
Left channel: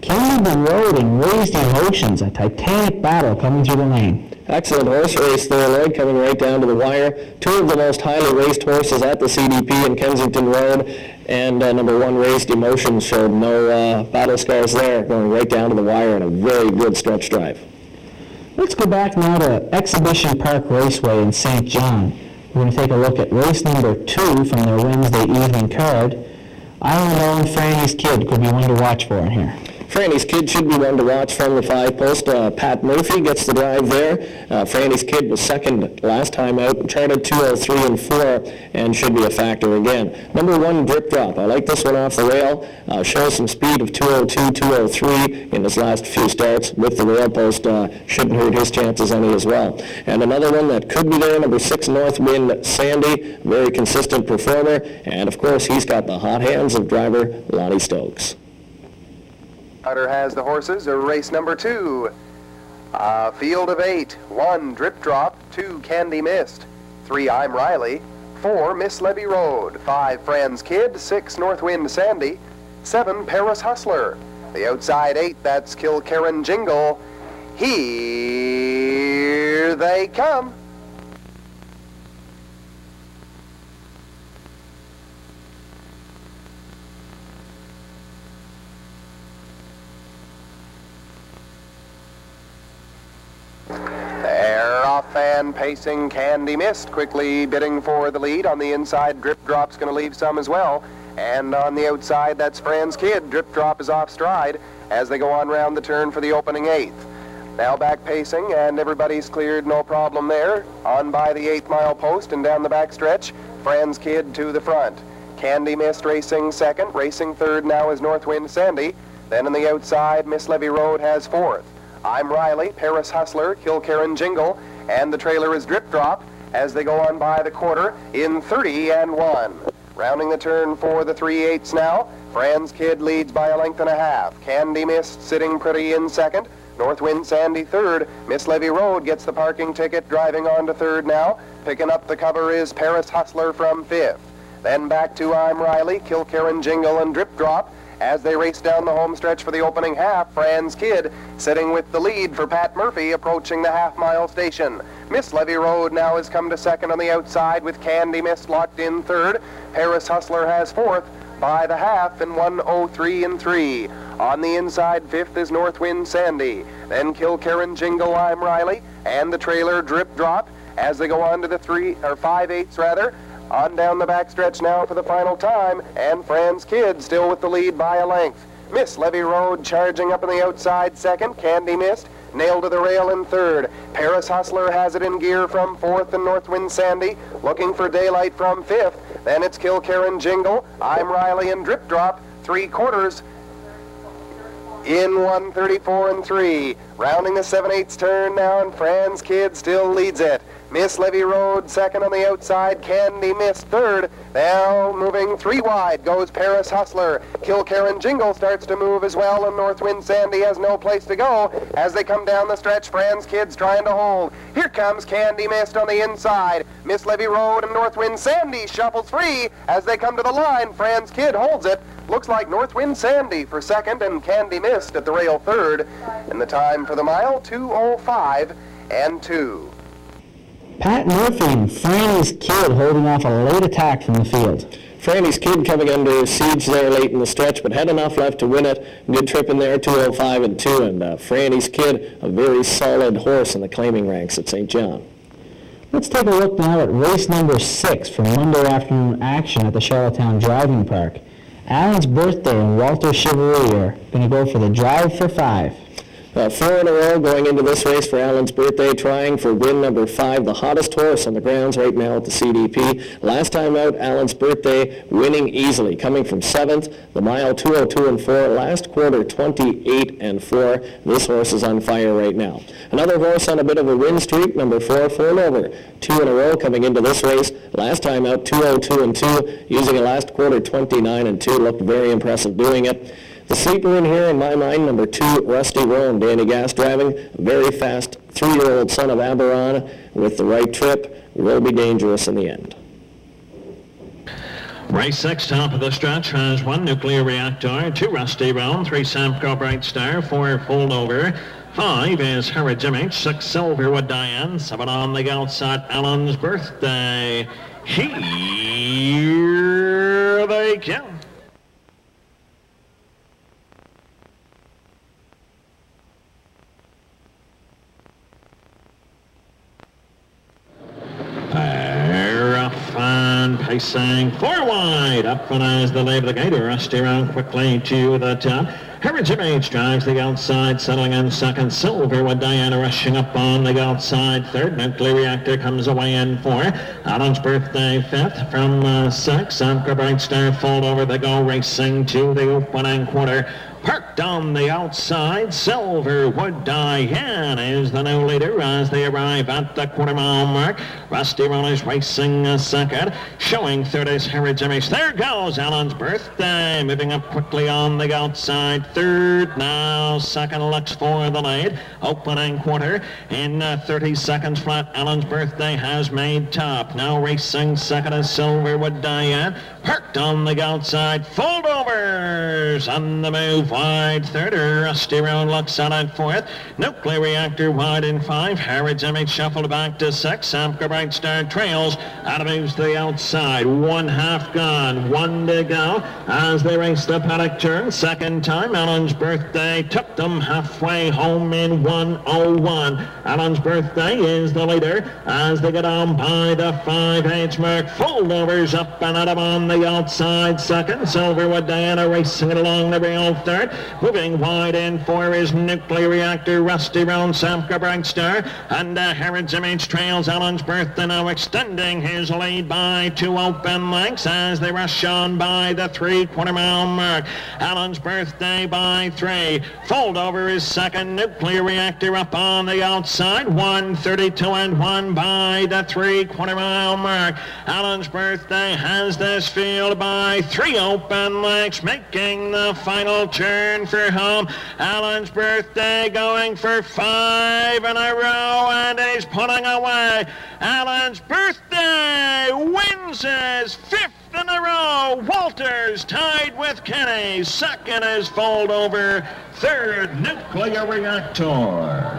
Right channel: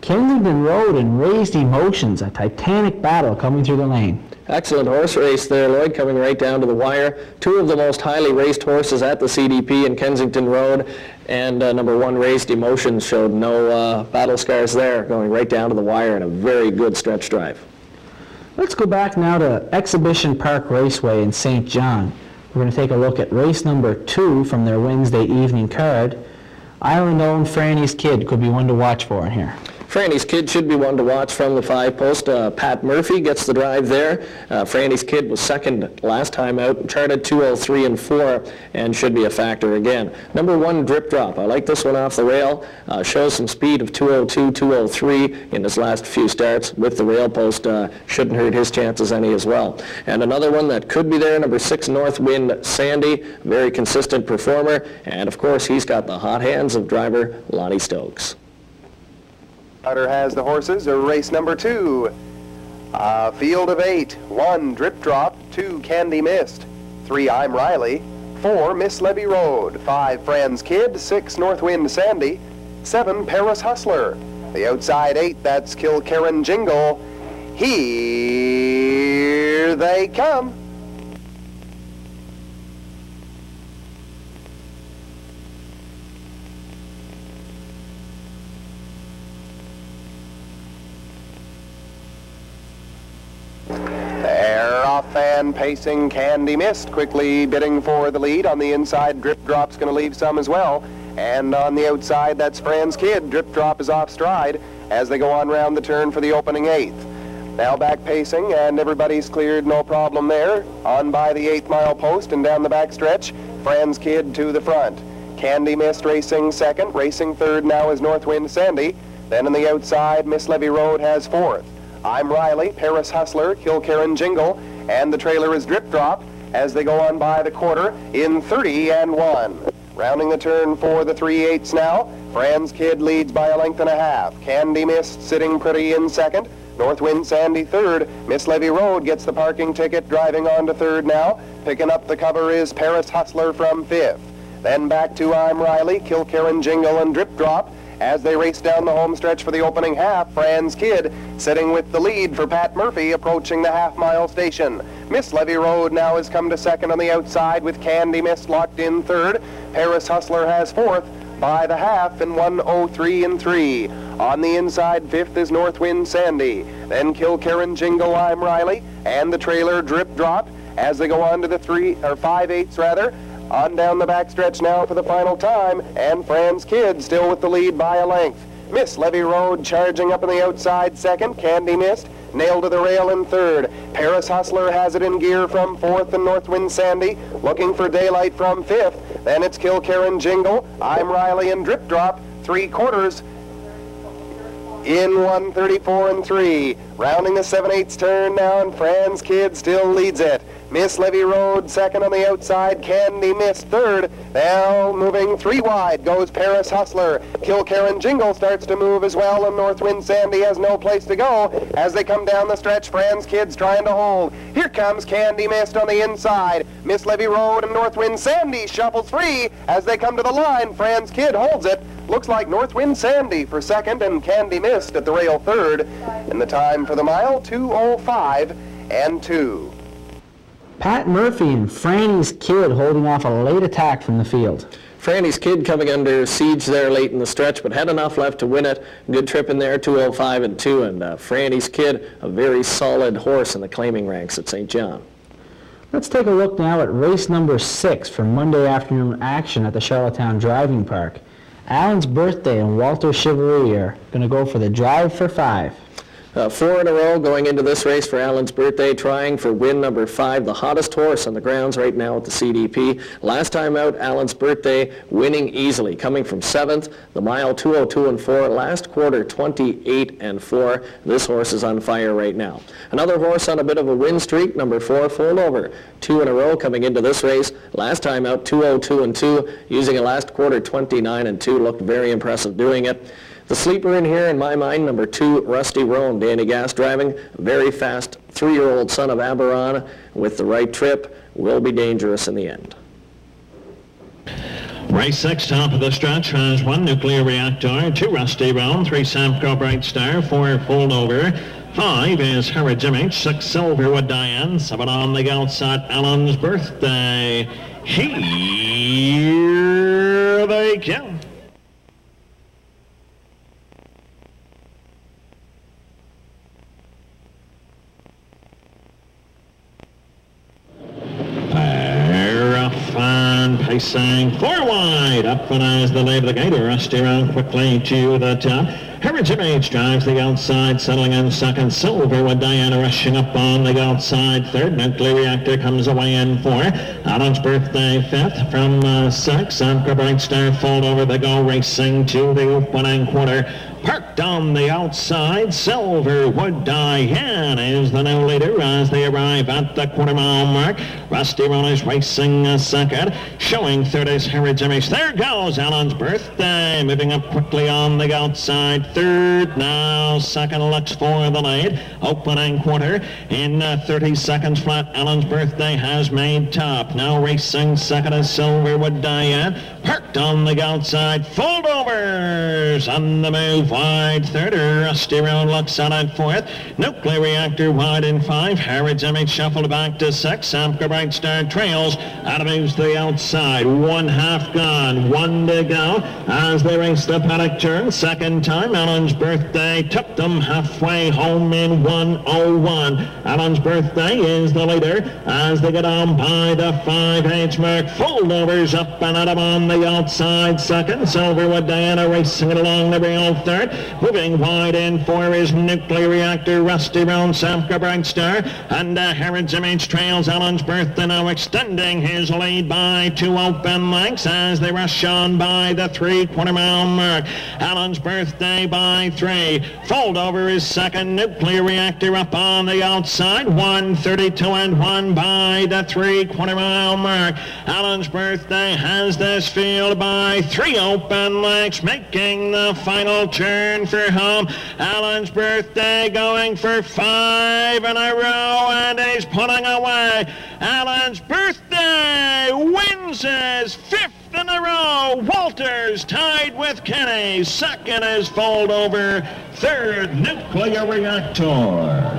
Kensington Road and Raised Emotions, a titanic battle coming through the lane. Excellent horse race there, Lloyd, coming right down to the wire. 2 of the most highly raced horses at the CDP in Kensington Road, and number 1, Raised Emotions, showed no battle scars there, going right down to the wire in a very good stretch drive. Let's go back now to Exhibition Park Raceway in St. John. We're going to take a look at race number 2 from their Wednesday evening card. Iron Frannes Kid could be one to watch for in here. Frannes Kid should be one to watch from the 5-post. Pat Murphy gets the drive there. Frannes Kid was second last time out, charted 203 and 4, and should be a factor again. Number 1, Drip Drop. I like this one off the rail. Shows some speed of 202, 203 in his last few starts with the rail post. Shouldn't hurt his chances any as well. And another one that could be there, number 6, Northwind Sandy, very consistent performer, and of course he's got the hot hands of driver Lonnie Stokes. Hunter has the horses, race number 2. Field of 8, 1, Drip Drop, 2, Candy Mist, 3, I'm Riley, 4, Miss Levey Road, 5, Frannes Kid, 6, Northwind Sandy, 7, Paris Hustler. The outside 8, that's Kilkerran Jingle. Here they come. And pacing Candy Mist, quickly bidding for the lead. On the inside, Drip Drop's going to leave some as well. And on the outside, that's Frannes Kid. Drip Drop is off stride as they go on round the turn for the opening 8th. Now back pacing, and everybody's cleared, no problem there. On by the 8th mile post and down the back stretch, Frannes Kid to the front. Candy Mist racing second. Racing third now is Northwind Sandy. Then on the outside, Miss Levey Road has 4th. I'm Riley, Paris Hustler, Kilkerran Jingle, and the trailer is Drip Drop as they go on by the quarter in 30 and 1. Rounding the turn for the 3/8 now, Frannes Kid leads by a length and a half. Candy Mist sitting pretty in second. Northwind Sandy third. Miss Levey Road gets the parking ticket, driving on to third now. Picking up the cover is Paris Hustler from 5th. Then back to I'm Riley, Kilkerran Jingle, and Drip Drop. As they race down the home stretch for the opening half, Frannes Kid sitting with the lead for Pat Murphy approaching the half-mile station. Miss Levey Road now has come to second on the outside with Candy Mist locked in third. Paris Hustler has 4th by the half in 1:03 and 3. On the inside, 5th is Northwind Sandy. Then Kilkerran Jingle, I'm Riley, and the trailer Drip Drop as they go on to the 5/8 rather. On down the backstretch now for the final time, and Frannes Kid still with the lead by a length. Miss Levey Road charging up on the outside second. Candy Mist nailed to the rail in third. Paris Hustler has it in gear from 4th, and Northwind Sandy looking for daylight from 5th. Then it's Kilkerran Jingle, I'm Riley, and Drip Drop, 3/4 in 1:34 and 3. Rounding the 7/8 turn now, and Frannes Kid still leads it. Miss Levey Road second on the outside, Candy Mist third. Now moving 3 wide goes Paris Hustler. Kilkerran Jingle starts to move as well, and Northwind Sandy has no place to go. As they come down the stretch, Frannes Kid's trying to hold. Here comes Candy Mist on the inside. Miss Levey Road and Northwind Sandy shuffles free. As they come to the line, Frannes Kid holds it. Looks like Northwind Sandy for second and Candy Mist at the rail third. And the time for the mile, 2:05 and 2. Pat Murphy and Frannes Kid holding off a late attack from the field. Frannes Kid coming under siege there late in the stretch, but had enough left to win it. Good trip in there, 2:05 and 2, and Frannes Kid, a very solid horse in the claiming ranks at St. John. Let's take a look now at race number 6 for Monday afternoon action at the Charlottetown Driving Park. Allan's birthday and Walter Chivalry are going to go for the drive for 5. 4 in a row going into this race for Allan's birthday, trying for win number 5, the hottest horse on the grounds right now at the CDP. Last time out, Allan's birthday winning easily, coming from 7th, the mile 2:02 and 4, last quarter 28 and 4. This horse is on fire right now. Another horse on a bit of a win streak, number 4, Foldaver. 2 in a row coming into this race. Last time out, 2:02 and 2, using a last quarter 29 and 2, looked very impressive doing it. The sleeper in here, in my mind, number 2, Rusty Roan, Danny Gas driving, a very fast 3-year-old son of Aberon with the right trip, will be dangerous in the end. Race 6, top of the stretch, has 1 Nuclear Reactor, 2 Rusty Roan, 3 Samcoe Brightstar, 4 Foldaver, 5 is Harrods Image, 6 Silverwood Diane, 7 on the outside, Allan's birthday. Here they come. racing 4 wide. Up front as the Levey Road, rushed around quickly to the top. Harrods Image drives the outside, settling in second. Silverwood, Diane rushing up on the outside third. Nuclear Reactor comes away in 4. Allan's Birthday fifth from 6. Samcoe, Brightstar, Foldaver. They go racing to the opening quarter. Parked on the outside, Silverwood, Diane is the new leader as they arrive at the quarter-mile mark. Roan is racing second. Showing third is Harrods Image. There goes Allan's Birthday, moving up quickly on the outside. Third now, second looks for the lead. Opening quarter in 30 seconds flat. Allan's Birthday has made top. Now racing second is Silverwood, Diane. Parked on the outside, Foldovers on the move. Wide third, Roan looks out at fourth. Nuclear Reactor wide in 5. Harrods Image shuffled back to 6. Samcoe, Brightstar trails. Out moves the outside. 1/2 gone. 1 to go as they race the paddock turn. Second time, Allan's Birthday took them halfway home in 1:01. Allan's Birthday is the leader as they get on by the 5/8 mark. Foldovers up and at him on the outside second. Silverwood, Diana racing it along the rail third. Moving wide in 4 is Nuclear Reactor, Roan, Samcoe, Brightstar, and Harrods Image trails Allan's Birthday now extending his lead by 2 open lengths as they rush on by the 3/4-mile mark. Allan's Birthday by 3. Foldover is second. Nuclear Reactor up on the outside. 1:32 and 1 by the 3/4-mile mark. Allan's Birthday has this field by 3 open lengths, making the final turn for home. Allan's Birthday going for 5 in a row, and he's pulling away. Allan's Birthday wins his 5th in a row. Walters tied with Kenny. Second is Foldover. Third, Nuclear Reactor.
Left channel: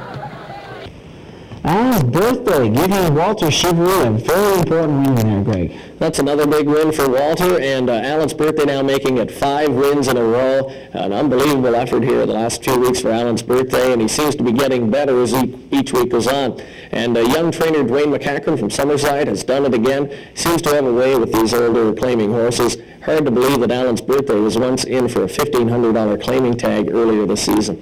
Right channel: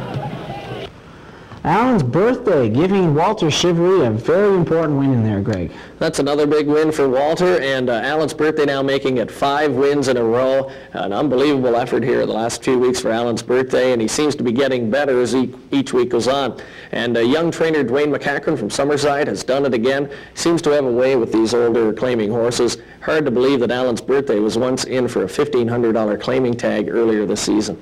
Allan's Birthday, giving Walter Chevrolet a very important win there, Greg. That's another big win for Walter, and Allan's Birthday now making it 5 wins in a row. An unbelievable effort here the last few weeks for Allan's Birthday, and he seems to be getting better as each week goes on. And young trainer Dwayne McCachran from Summerside has done it again. He seems to have a way with these older claiming horses. Hard to believe that Allan's Birthday was once in for a $1,500 claiming tag earlier this season.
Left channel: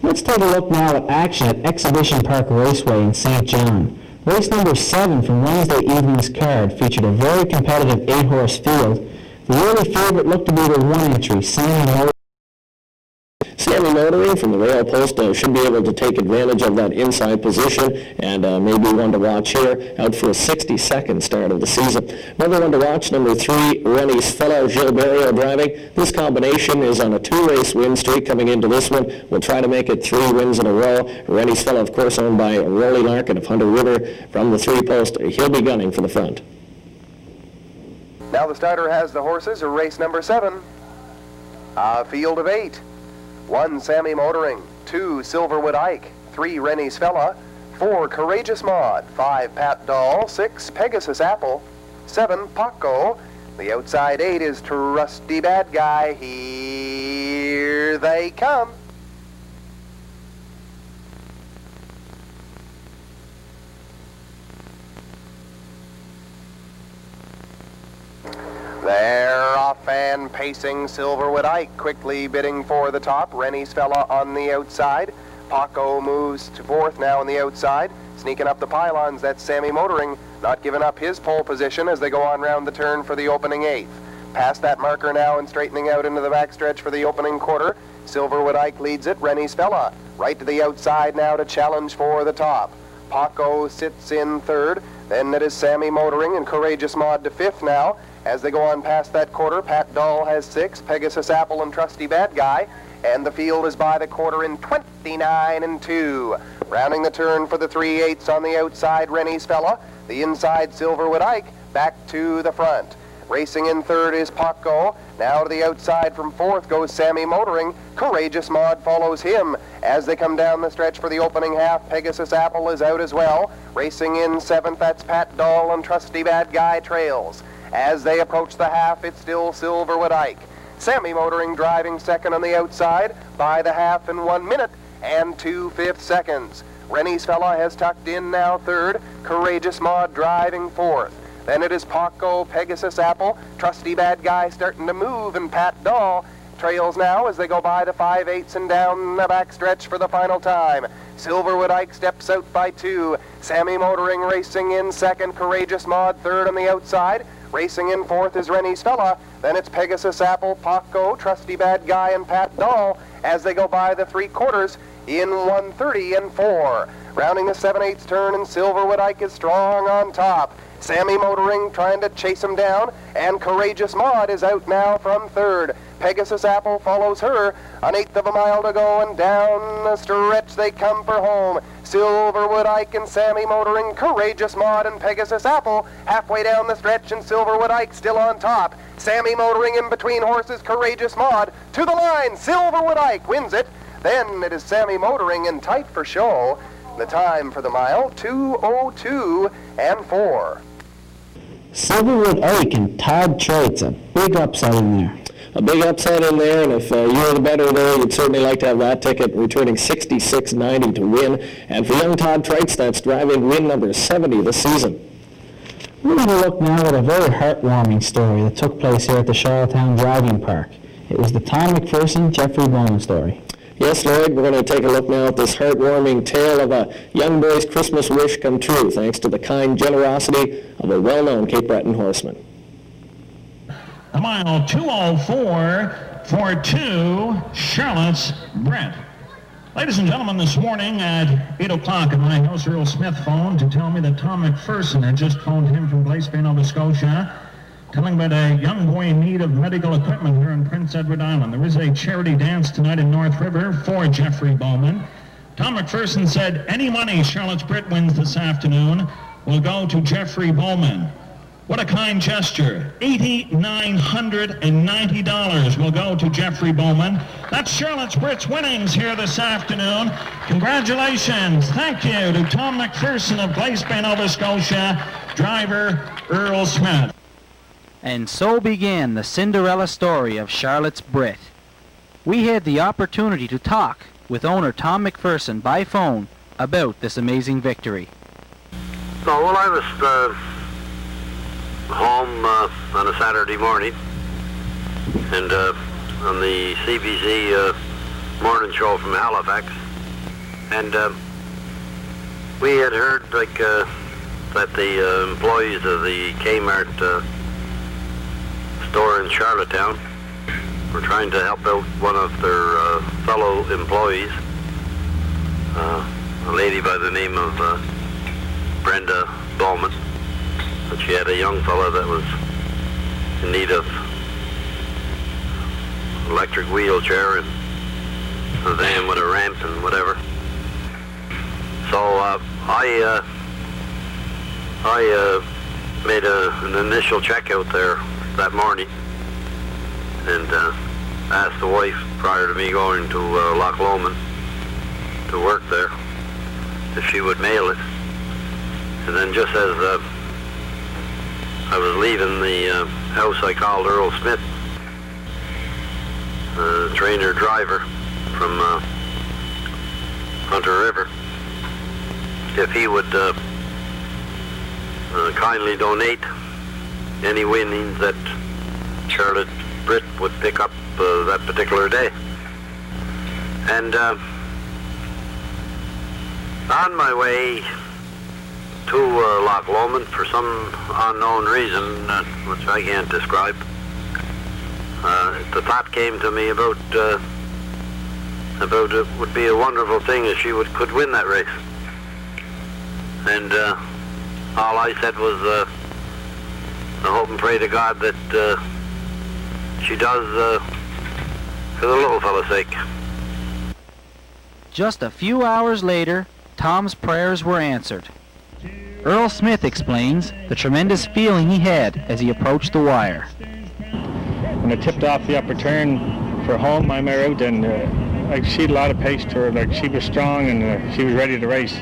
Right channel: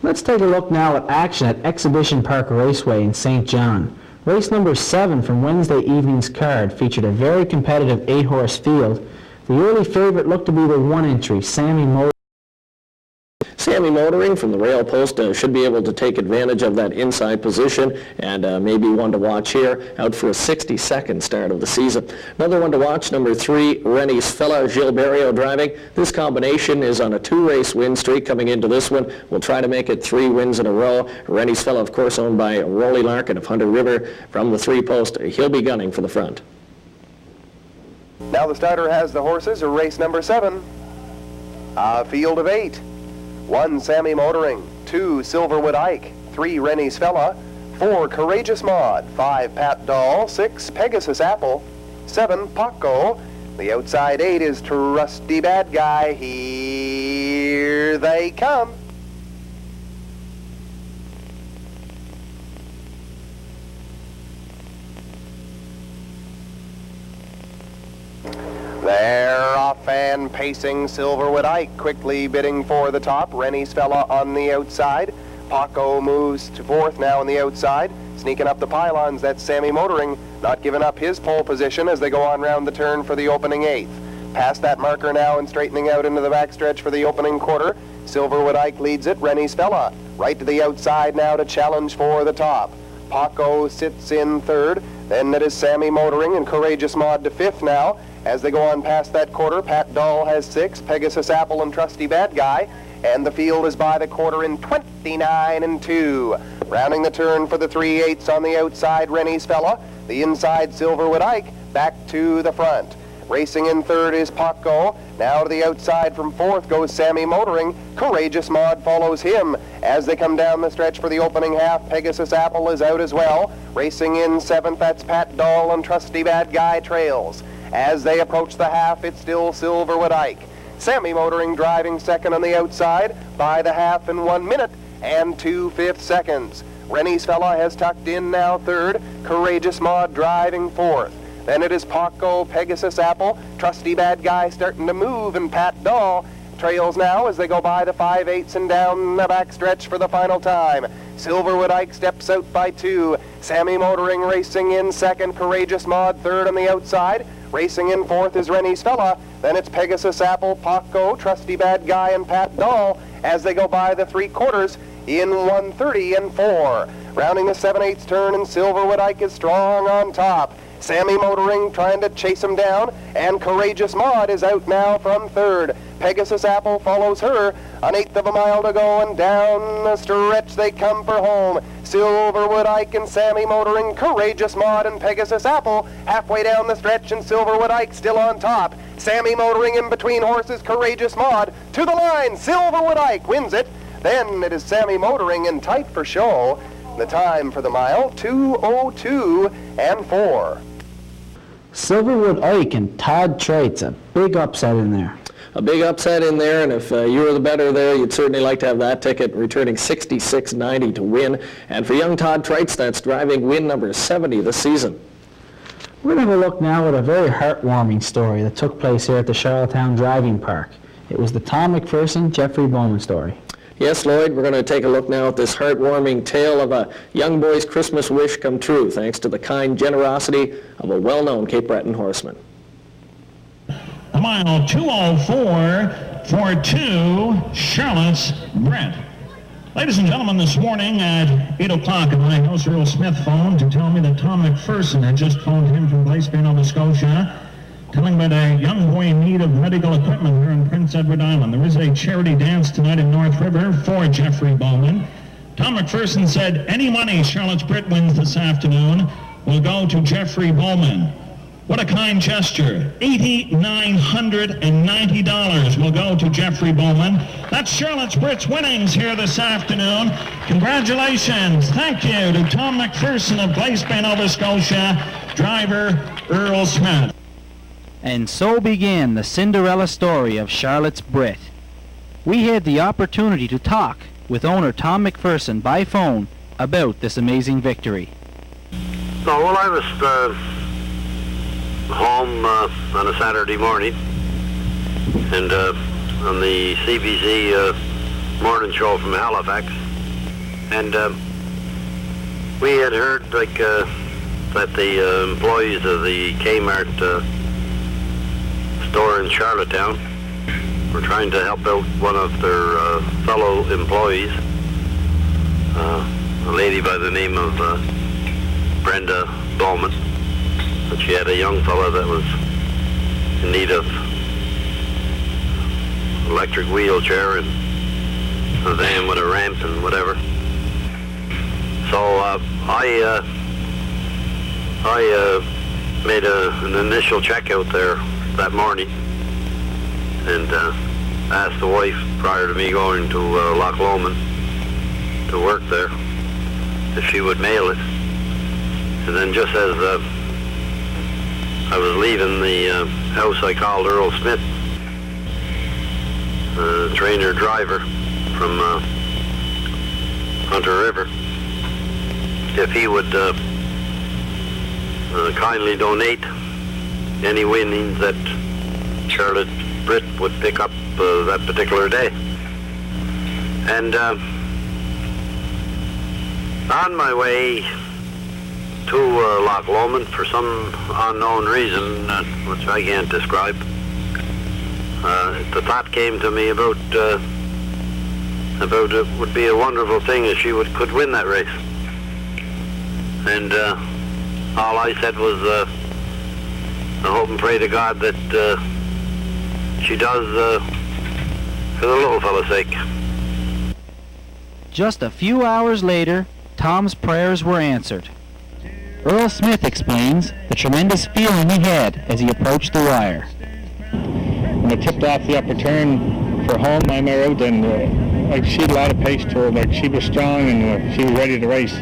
Let's take a look now at action at Exhibition Park Raceway in St. John. Race number 7 from Wednesday evening's card featured a very competitive 8-horse field. The early favorite looked to be the 1 entry, Sammy Motoring from the rail post should be able to take advantage of that inside position, and maybe one to watch here, out for a 62nd start of the season. Another one to watch, number 3, Rennie's Fella Gilberto driving. This combination is on a 2-race win streak coming into this one. We'll try to make it 3 wins in a row. Rennie's Fella, of course, owned by Rolly Larkin of Hunter River from the 3-post. He'll be gunning for the front. Now the starter has the horses, race number 7. A field of 8. 1, Sammy Motoring. 2, Silverwood Ike. 3, Rennie's Fella. 4, Courageous Maud. 5, Pat Doll. 6, Pegasus Apple. 7, Paco. The outside 8 is Trusty Bad Guy. Here they come. They're off and pacing. Silverwood Ike quickly bidding for the top. Rennie's Fella on the outside. Paco moves to 4th now on the outside. Sneaking up the pylons, that's Sammy Motoring, not giving up his pole position as they go on round the turn for the opening 8th. Past that marker now and straightening out into the backstretch for the opening quarter. Silverwood Ike leads it. Rennie's Fella right to the outside now to challenge for the top. Paco sits in 3rd. Then it is Sammy Motoring and Courageous Maud to 5th now. As they go on past that quarter, Pat Doll has 6, Pegasus Apple and Trusty Bad Guy, and the field is by the quarter in 29 and 2. Rounding the turn for the 3/8 on the outside, Rennie's Fella. The inside, Silverwood Ike, back to the front. Racing in 3rd is Paco. Now to the outside from 4th goes Sammy Motoring. Courageous Maud follows him. As they come down the stretch for the opening half, Pegasus Apple is out as well. Racing in 7th, that's Pat Doll and Trusty Bad Guy trails. As they approach the half, it's still Silverwood Ike. Sammy Motoring driving 2nd on the outside by the half in 1 minute and 2/5 seconds. Rennie's Fella has tucked in now 3rd. Courageous Maud driving 4th. Then it is Paco, Pegasus Apple, Trusty Bad Guy starting to move, and Pat Doll trails now as they go by the 5/8 and down the backstretch for the final time. Silverwood Ike steps out by 2. Sammy Motoring racing in second. Courageous Maud third on the outside. Racing in fourth is Rennie's Fella. Then it's Pegasus Apple, Paco, Trusty Bad Guy, and Pat Doll as they go by the 3/4 in 1:30 and 4. Rounding the 7/8 turn, and Silverwood Ike is strong on top. Sammy Motoring trying to chase him down, and Courageous Maud is out now from third. Pegasus Apple follows her, an 1/8 of a mile to go, and down the stretch they come for home. Silverwood Ike and Sammy Motoring, Courageous Maud and Pegasus Apple halfway down the stretch, and Silverwood Ike still on top. Sammy Motoring in between horses, Courageous Maud to the line. Silverwood Ike wins it. Then it is Sammy Motoring in tight for show. The time for the mile, 2:02 and 4. Silverwood Ike and Todd Traits, a big upset in there. A big upset in there, and if you were the better there, you'd certainly like to have that ticket, returning $66.90 to win. And for young Todd Traits, that's driving win number 70 this season. We're going to look now at a very heartwarming story that took place here at the Charlottetown Driving Park. It was the Tom McPherson, Jeffrey Bowman story. Yes, Lloyd, we're going to take a look now at this heartwarming tale of a young boy's Christmas wish come true, thanks to the kind generosity of a well-known Cape Breton horseman. A mile 2:04 for 2, Charlotte's Brett. Ladies and gentlemen, this morning at 8 o'clock at my house, Earl Smith phoned to tell me that Tom McPherson had just phoned him from Glace Bay, Nova Scotia, telling about a young boy in need of medical equipment here in Prince Edward Island. There is a charity dance tonight in North River for Jeffrey Bowman. Tom McPherson said any money Charlotte's Brett wins this afternoon will go to Jeffrey Bowman. What a kind gesture. $8,990 will go to Jeffrey Bowman. That's Charlotte's Britt's winnings here this afternoon. Congratulations. Thank you to Tom McPherson of Glace Bay, Nova Scotia, driver Earl Smith. And so began the Cinderella story of Charlotte's Brett. We had the opportunity to talk with owner Tom McPherson by phone about this amazing victory. So, well, I was home on a Saturday morning, and on the CBC morning show from Halifax, and we had heard that the employees of the Kmart store in Charlottetown were trying to help out one of their fellow employees, a lady by the name of Brenda Bowman. But she had a young fella that was in need of electric wheelchair and a van with a ramp and whatever. So I made an initial check out there that morning and asked the wife prior to me going to Loch Lomond to work there if she would mail it. And then just as I was leaving the house, I called Earl Smith, trainer driver from Hunter River, if he would kindly donate any winnings that Charlotte Britt would pick up that particular day. And on my way to Loch Lomond, for some unknown reason, which I can't describe, the thought came to me about it would be a wonderful thing if she could win that race. And all I said was, I hope and pray to God that she does for the little fella's sake. Just a few hours later, Tom's prayers were answered. Earl Smith explains the tremendous feeling he had as he approached the wire. When I tipped off the upper turn for home, I married, and I see a lot of pace to her, but she was strong and she was ready to race.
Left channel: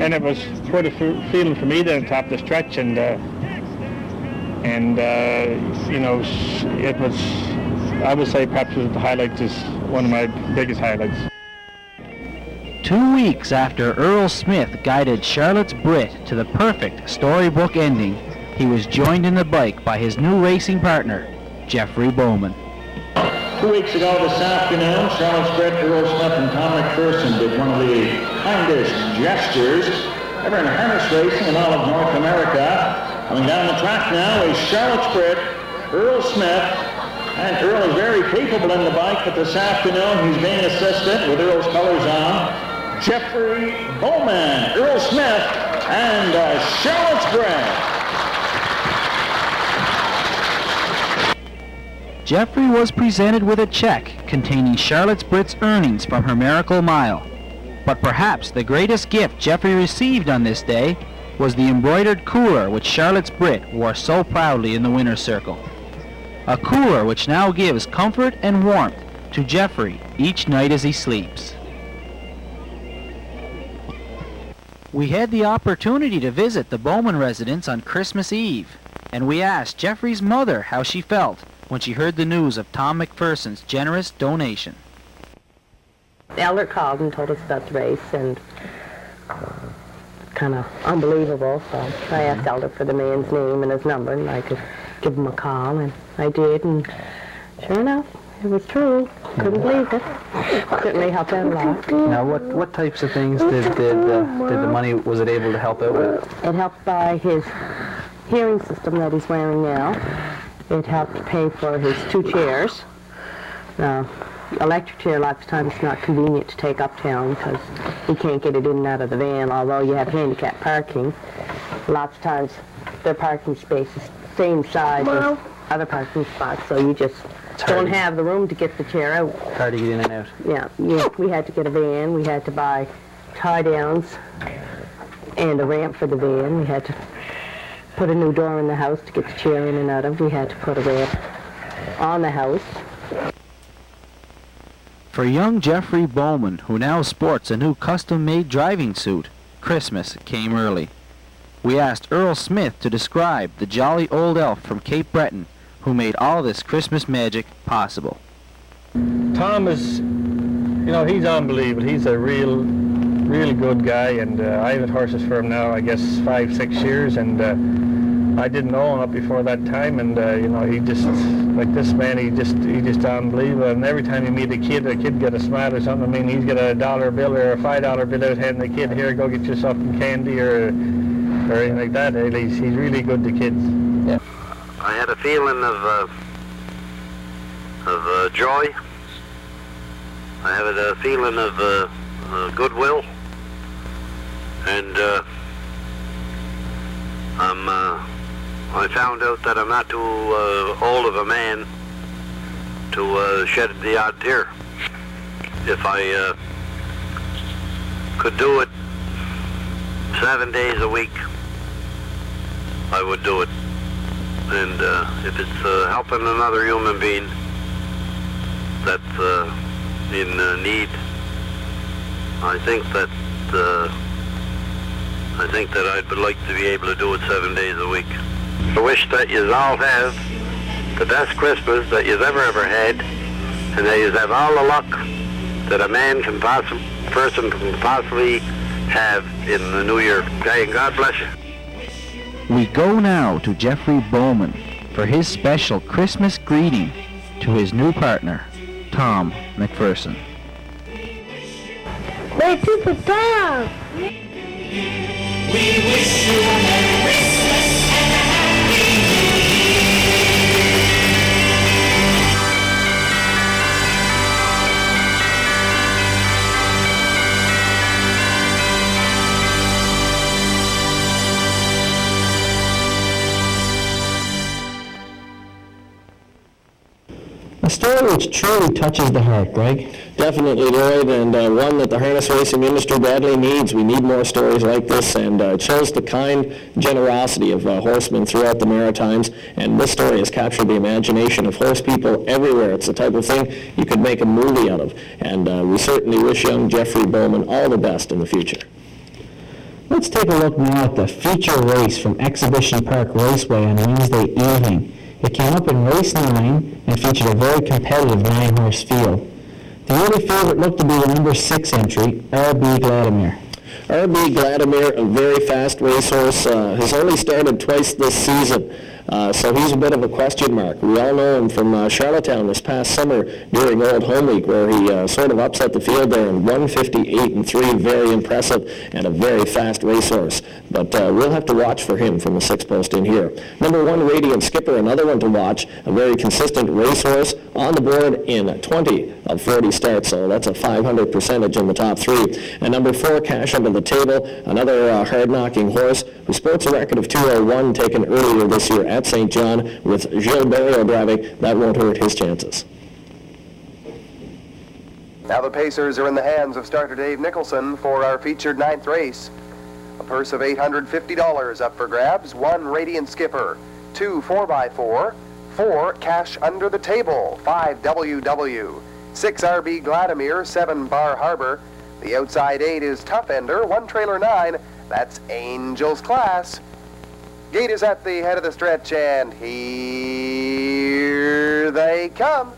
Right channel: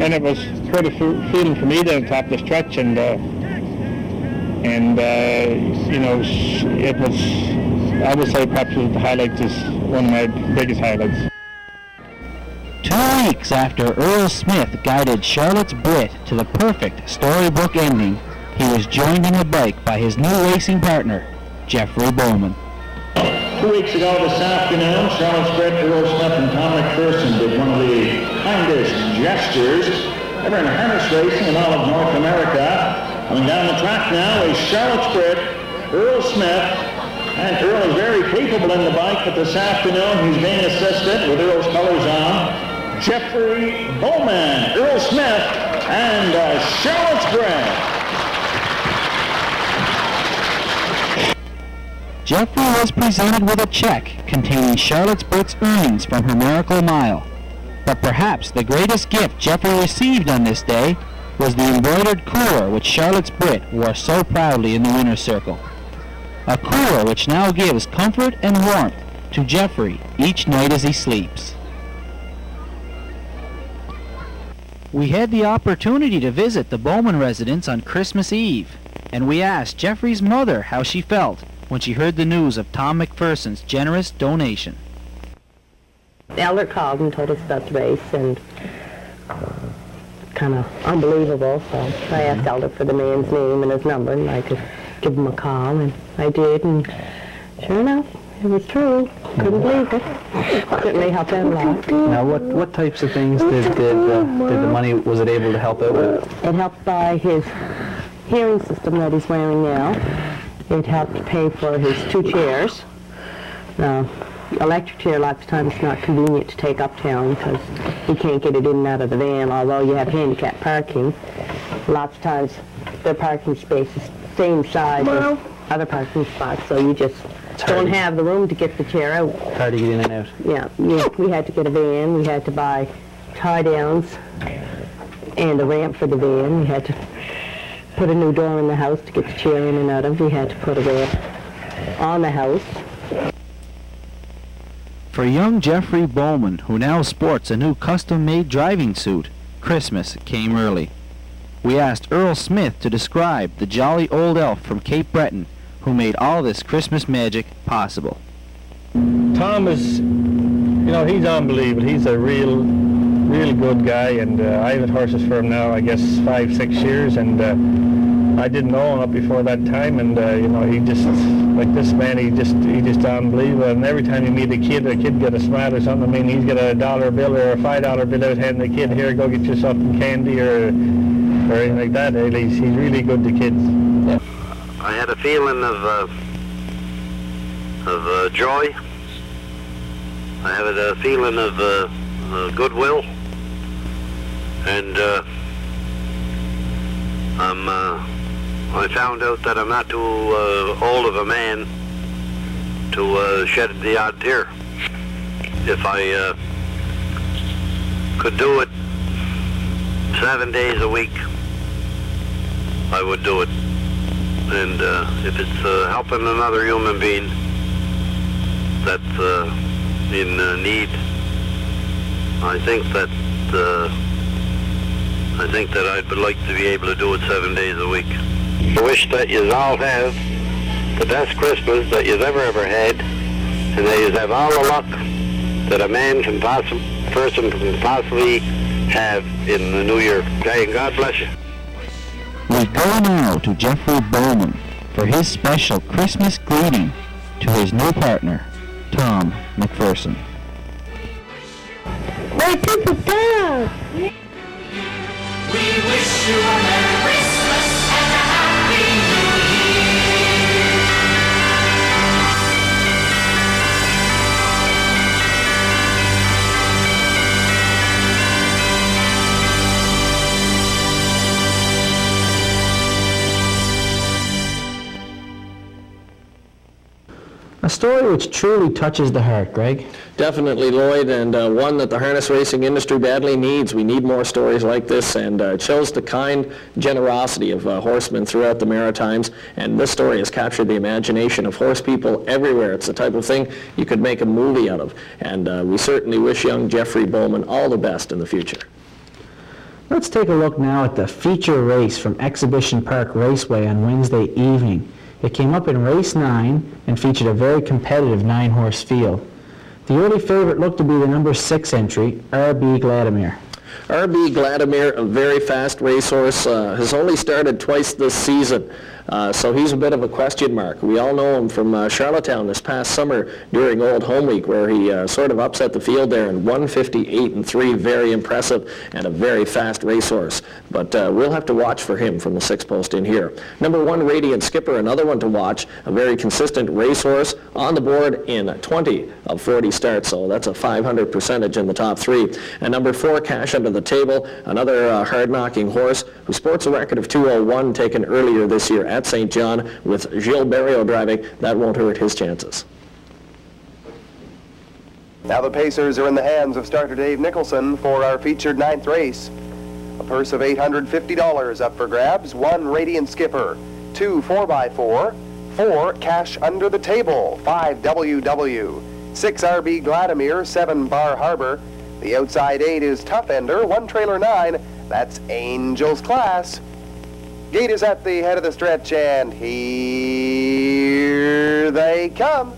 And it was quite a feeling for me to top the stretch, and you know, it was, I would say perhaps the highlight is one of my biggest highlights. 2 weeks after Earl Smith guided Charlotte's Brett to the perfect storybook ending, he is joined in the bike by his new racing partner, Jeffrey Bowman. 2 weeks ago this afternoon, Charlotte's Brit, Earl Smith and Tom McPherson did one of the kindest gestures ever in harness racing in all of North America. Coming down the track now is Charlotte's Brit, Earl Smith, and Earl is very capable in the bike, but this afternoon he's being assisted with Earl's colors on. Jeffrey Bowman, Earl Smith, and Charlotte's Brit. Jeffrey was presented with a check containing Charlotte's Brit's earnings from her Miracle Mile. But perhaps the greatest gift Jeffrey received on this day was the embroidered cooler which Charlotte's Brit wore so proudly in the winner's circle. A cooler which now gives comfort and warmth to Jeffrey each night as he sleeps. We had the opportunity to visit the Bowman residence on Christmas Eve, and we asked Jeffrey's mother how she felt when she heard the news of Tom McPherson's generous donation. The elder called and told us about the race, and kind of unbelievable, so I asked Elder for the man's name and his number, and I could give him a call, and I did, and sure enough, it was true. Couldn't believe it. Certainly helped out a lot. Now, what types of things did the money, was it able to help out with? It helped buy his hearing system that he's wearing now. It helped pay for his 2 chairs. Now, electric chair lots of times is not convenient to take uptown because you can't get it in and out of the van, although you have handicap parking. Lots of times their parking space is same size as other parking spots, so you just don't have the room to get the chair out. Hard to get in and out. Yeah, we had to get a van, we had to buy tie-downs and a ramp for the van. We had to put a new door in the house to get the chair in and out of. We had to put a ramp on the house. For young Jeffrey Bowman, who now sports a new custom-made driving suit, Christmas came early. We asked Earl Smith to describe the jolly old elf from Cape Breton who made all this Christmas magic possible. Tom is, he's unbelievable. He's a really good guy, and I've had horses for him now, I guess, 5-6 years, and I didn't know him up before that time, and he just, like this man, he just unbelievable. And every time you meet a kid get a smile or something. I mean, he's got a $1 bill or a $5 bill out, handing the kid, here, go get you something candy or anything like that. He's really good to kids. Yeah. I had a feeling of joy. I had a feeling of goodwill, and I found out that I'm not too old of a man to shed the odd tear. If I could do it 7 days a week, I would do it. And if it's helping another human being that's in need, I think that I'd like to be able to do it 7 days a week. I wish that you all have the best Christmas that you've ever had, and that you have all the luck that a person can possibly have in the new year. Okay, and God bless you. We go now to Jeffrey Bowman for his special Christmas greeting to his new partner, Tom McPherson. That's Super Tom! A story which truly touches the heart, Greg. Definitely, Lloyd, and one that the harness racing industry badly needs. We need more stories like this, and it shows the kind generosity of horsemen throughout the Maritimes, and this story has captured the imagination of horse people everywhere. It's the type of thing you could make a movie out of, and we certainly wish young Jeffrey Bowman all the best in the future. Let's take a look now at the feature race from Exhibition Park Raceway on Wednesday evening. It came up in race 9 and featured a very competitive 9-horse field. The only favorite looked to be the number 6 entry, R.B. Vladimir. R.B. Vladimir, a very fast racehorse, has only started twice this season. So he's a bit of a question mark. We all know him from Charlottetown this past summer during Old Home Week, where he sort of upset the field there in 158-3, very impressive and a very fast racehorse. But we'll have to watch for him from the 6-post in here. Number 1, Radiant Skipper, another one to watch, a very consistent racehorse on the board in 20 of 40 starts, so that's a 500 percentage in the top 3. And number 4, Cash Under the Table, another hard-knocking horse who sports a record of 201 taken earlier this year at St. John with Gilles Barrio driving. That won't hurt his chances. Now the Pacers are in the hands of starter Dave Nicholson for our featured 9th race. A purse of $850 up for grabs. 1, Radiant Skipper. 2, 4x4. 4, Cash Under the Table. 5, WW. 6, RB Vladimir. 7, Bar Harbor. The outside 8 is Tough Ender. 1, Trailer 9. That's Angel's Class. Gate is at the head of the stretch, and here they come.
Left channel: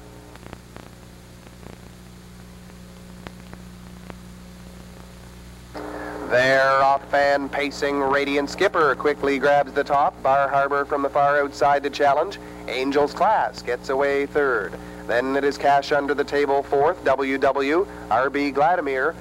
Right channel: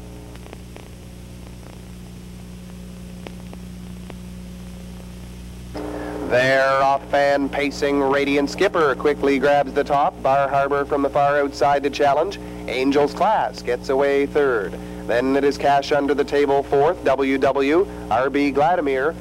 They're off and pacing. Radiant Skipper quickly grabs the top. Bar Harbor from the far outside to challenge. Angel's Class gets away 3rd. Then it is Cash Under the Table 4th. WW, RB Vladimir.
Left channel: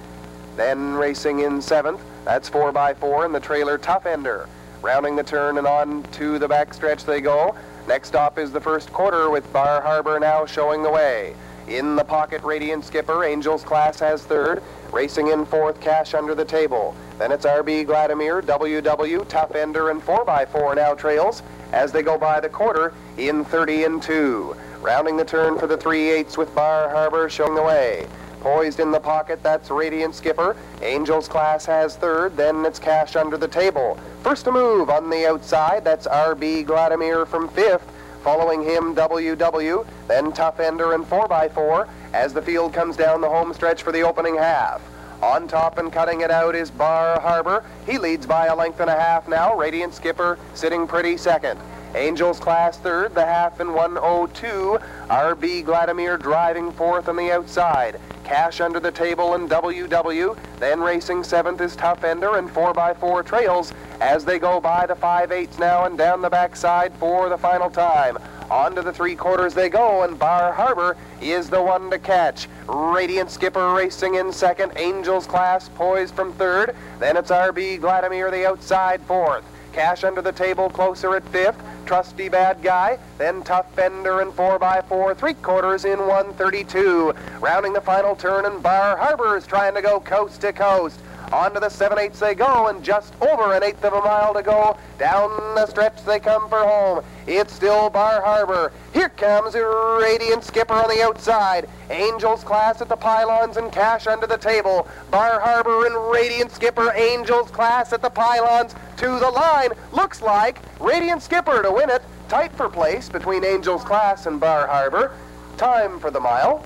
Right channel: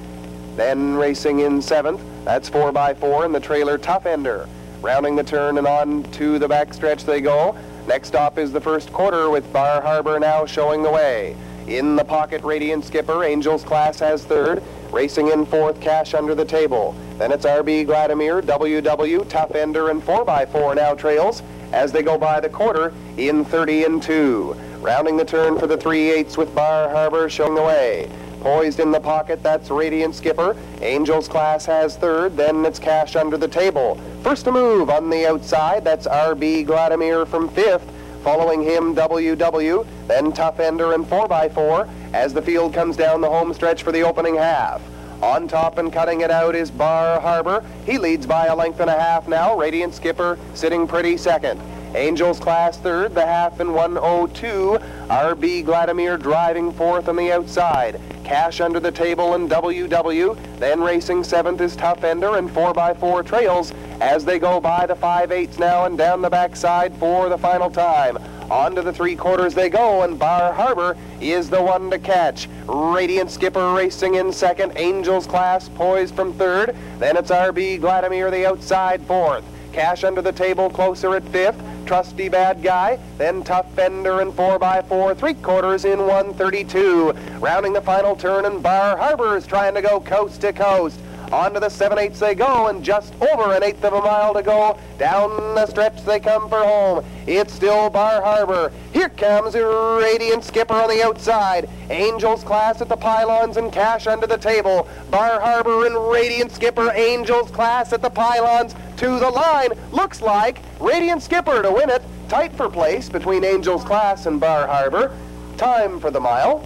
Then racing in 7th. That's 4x4 and the trailer Tough Ender. Rounding the turn and on to the backstretch they go. Next stop is the first quarter with Bar Harbor now showing the way. In the pocket, Radiant Skipper. Angel's Class has 3rd. Racing in 4th, Cash Under the Table. Then it's RB Vladimir, WW, Tough Ender, and 4x4 now trails as they go by the quarter in 30 and 2. Rounding the turn for the 3/8 with Bar Harbor showing the way. Poised in the pocket, that's Radiant Skipper. Angel's Class has 3rd, then it's Cash Under the Table. First to move on the outside, that's RB Vladimir from 5th. Following him, WW, then Tough Ender and 4x4 as the field comes down the home stretch for the opening half. On top and cutting it out is Bar Harbor. He leads by a length and a half now. Radiant Skipper sitting pretty 2nd. Angel's Class 3rd, the half in 1:02. RB Vladimir driving 4th on the outside. Cash Under the Table and WW. Then racing 7th is Tough Ender and 4x4 trails as they go by the 5/8 now and down the backside for the final time. On to the 3/4 they go, and Bar Harbor is the one to catch. Radiant Skipper racing in 2nd. Angel's Class poised from 3rd. Then it's RB Vladimir the outside 4th. Cash Under the Table closer at 5th. Trusty Bad Guy, then Tough Ender and 4x4, 3/4 in 1:32. Rounding the final turn, and Bar Harbor is trying to go coast to coast. On to the 7/8 they go, and just over an 1/8 of a mile to go. Down the stretch they come for home. It's still Bar Harbor. Here comes Radiant Skipper on the outside. Angel's Class at the pylons and Cash Under the Table. Bar Harbor and Radiant Skipper. Angel's Class at the pylons to the line. Looks like Radiant Skipper to win it. Tight for place between Angel's Class and Bar Harbor. Time for the mile,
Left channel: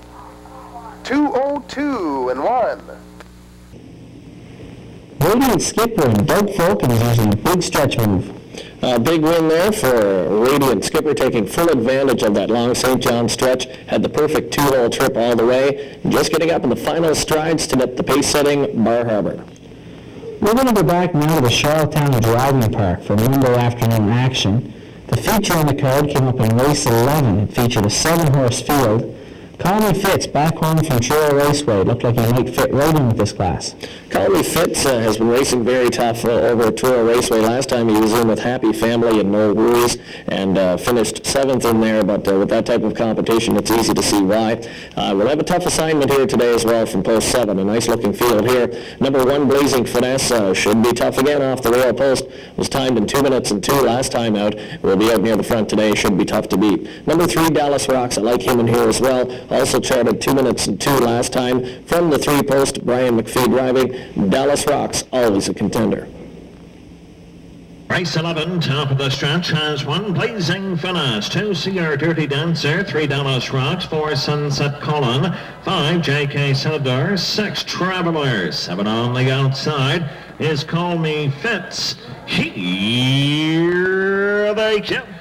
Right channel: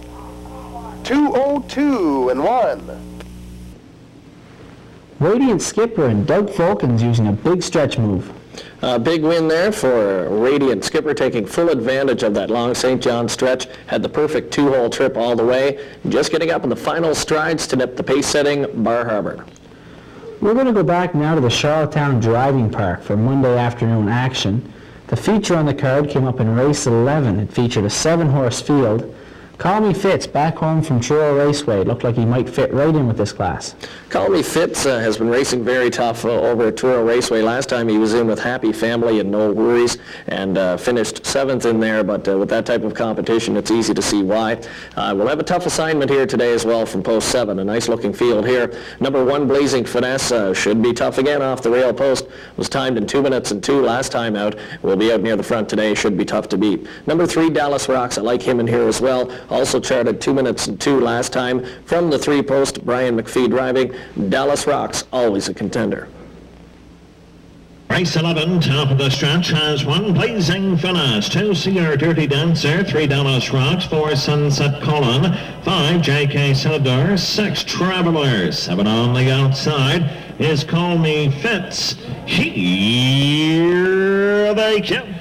2:02 and 1. Radiant Skipper and Doug Falcon is using a big stretch move. A big win there for Radiant Skipper, taking full advantage of that long St. John stretch. Had the perfect 2-hole trip all the way. Just getting up in the final strides to get the pace-setting Bar Harbor. We're going to go back now to the Charlottetown Driving Park for Monday afternoon action. The feature on the card came up in race 11. It featured a 7-horse field. Colin Fitz, back home from Truro Raceway, looked like he might fit right in with this class. Colin Fitz has been racing very tough over at Truro Raceway. Last time he was in with Happy Family and No Worries and finished 7th in there, but with that type of competition, it's easy to see why. We'll have a tough assignment here today as well from post 7. A nice looking field here. Number 1, Blazing Finesse, should be tough again off the rail post. Was timed in 2 minutes and 2 last time out. Will be out near the front today. Should be tough to beat. Number 3, Dallas Rocks. I like him in here as well. Also charted 2 minutes and 2 last time. From the 3-post, Brian McPhee driving. Dallas Rocks, always a contender. Race 11, top of the stretch, has 1 Blazing Finesse, 2 CR Dirty Dancer, 3 Dallas Rocks, 4 Sunset Colin, 5 JK Silver, 6 Travelers, 7 on the outside is Call Me Fitz. Here they come.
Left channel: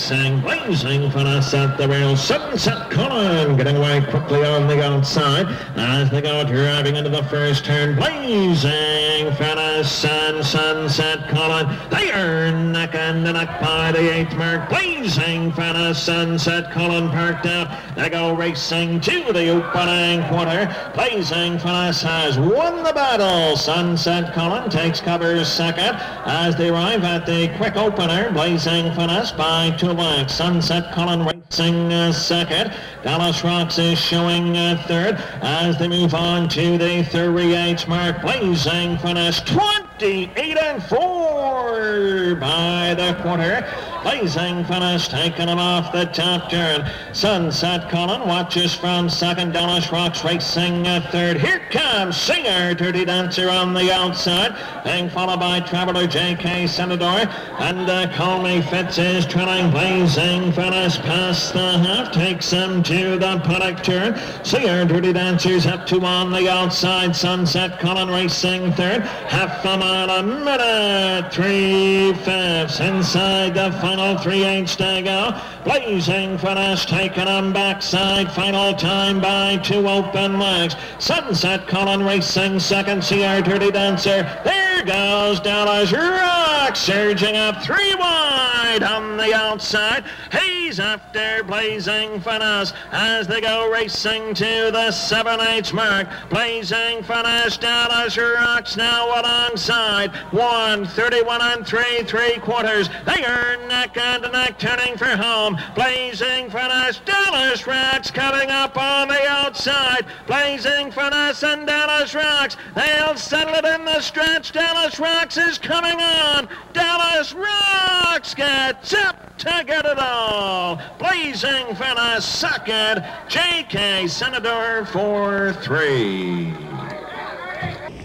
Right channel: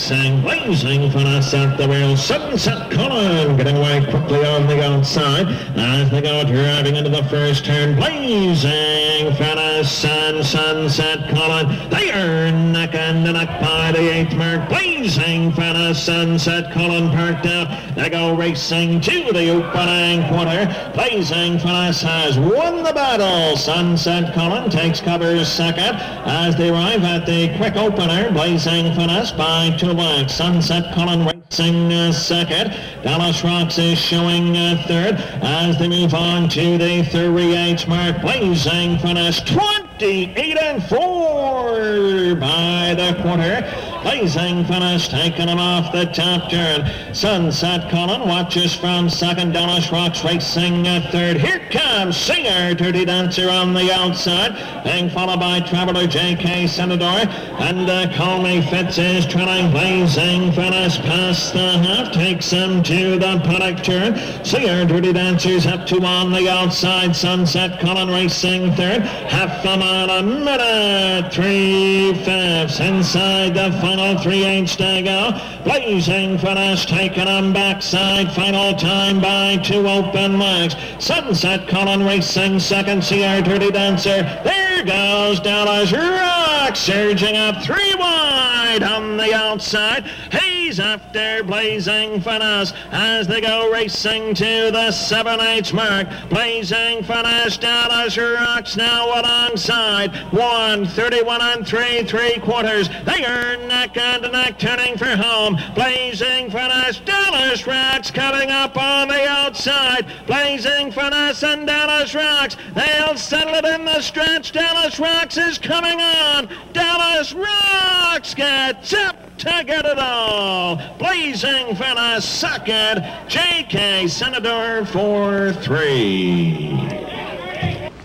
racing, blazing Frannes at the wheel. Sunset Colin getting away quickly on the outside as they go driving into the first turn. Blazing Frannes and Sunset Colin. They are neck and neck by the 8th mark. Blazing Frannes, Sunset Colin parked out. They go racing to the opening quarter. Blazing Frannes has won the battle. Sunset Colin takes cover second as they arrive at the quick opener. Blazing Frannes by 2 lengths. Sunset Colin racing second. Dallas Rocks is showing third as they move on to the 38 mark. Blazing Frannes 28 and 4 by the quarter. Blazing Frannes taking him off the top turn. Sunset Colin watches from second. Dallas Rocks racing third. Here comes Singer, Dirty Dancer on the outside, being followed by Traveler J.K. Senador, and Call Me Fitz is trailing. Blazing Frannes past the half, takes him to the paddock turn. Singer, Dirty Dancer's up to on the outside. Sunset Colin racing third. Half a mile a minute, 3/5 inside the final 3/8 to go. Blazing Frannes taking him backside. Final time by 2 open legs. Sunset Colin racing second. Singer, Dirty Dancer. There goes Dallas Rock, surging up 3 wide on the outside. He's after Blazing Frannes as they go racing to the 7/8 mark. Blazing Frannes, Dallas Rocks now alongside. 1:31 and 3/3. They are neck and neck turning for home. Blazing Frannes, Dallas Rocks coming up on the outside. Blazing Frannes and Dallas Rocks, they'll settle it in the stretch. Dallas Rocks is coming on. Dallas Rocks gets up to get it all. Blazing Frannes second. J.K. Senador for 3.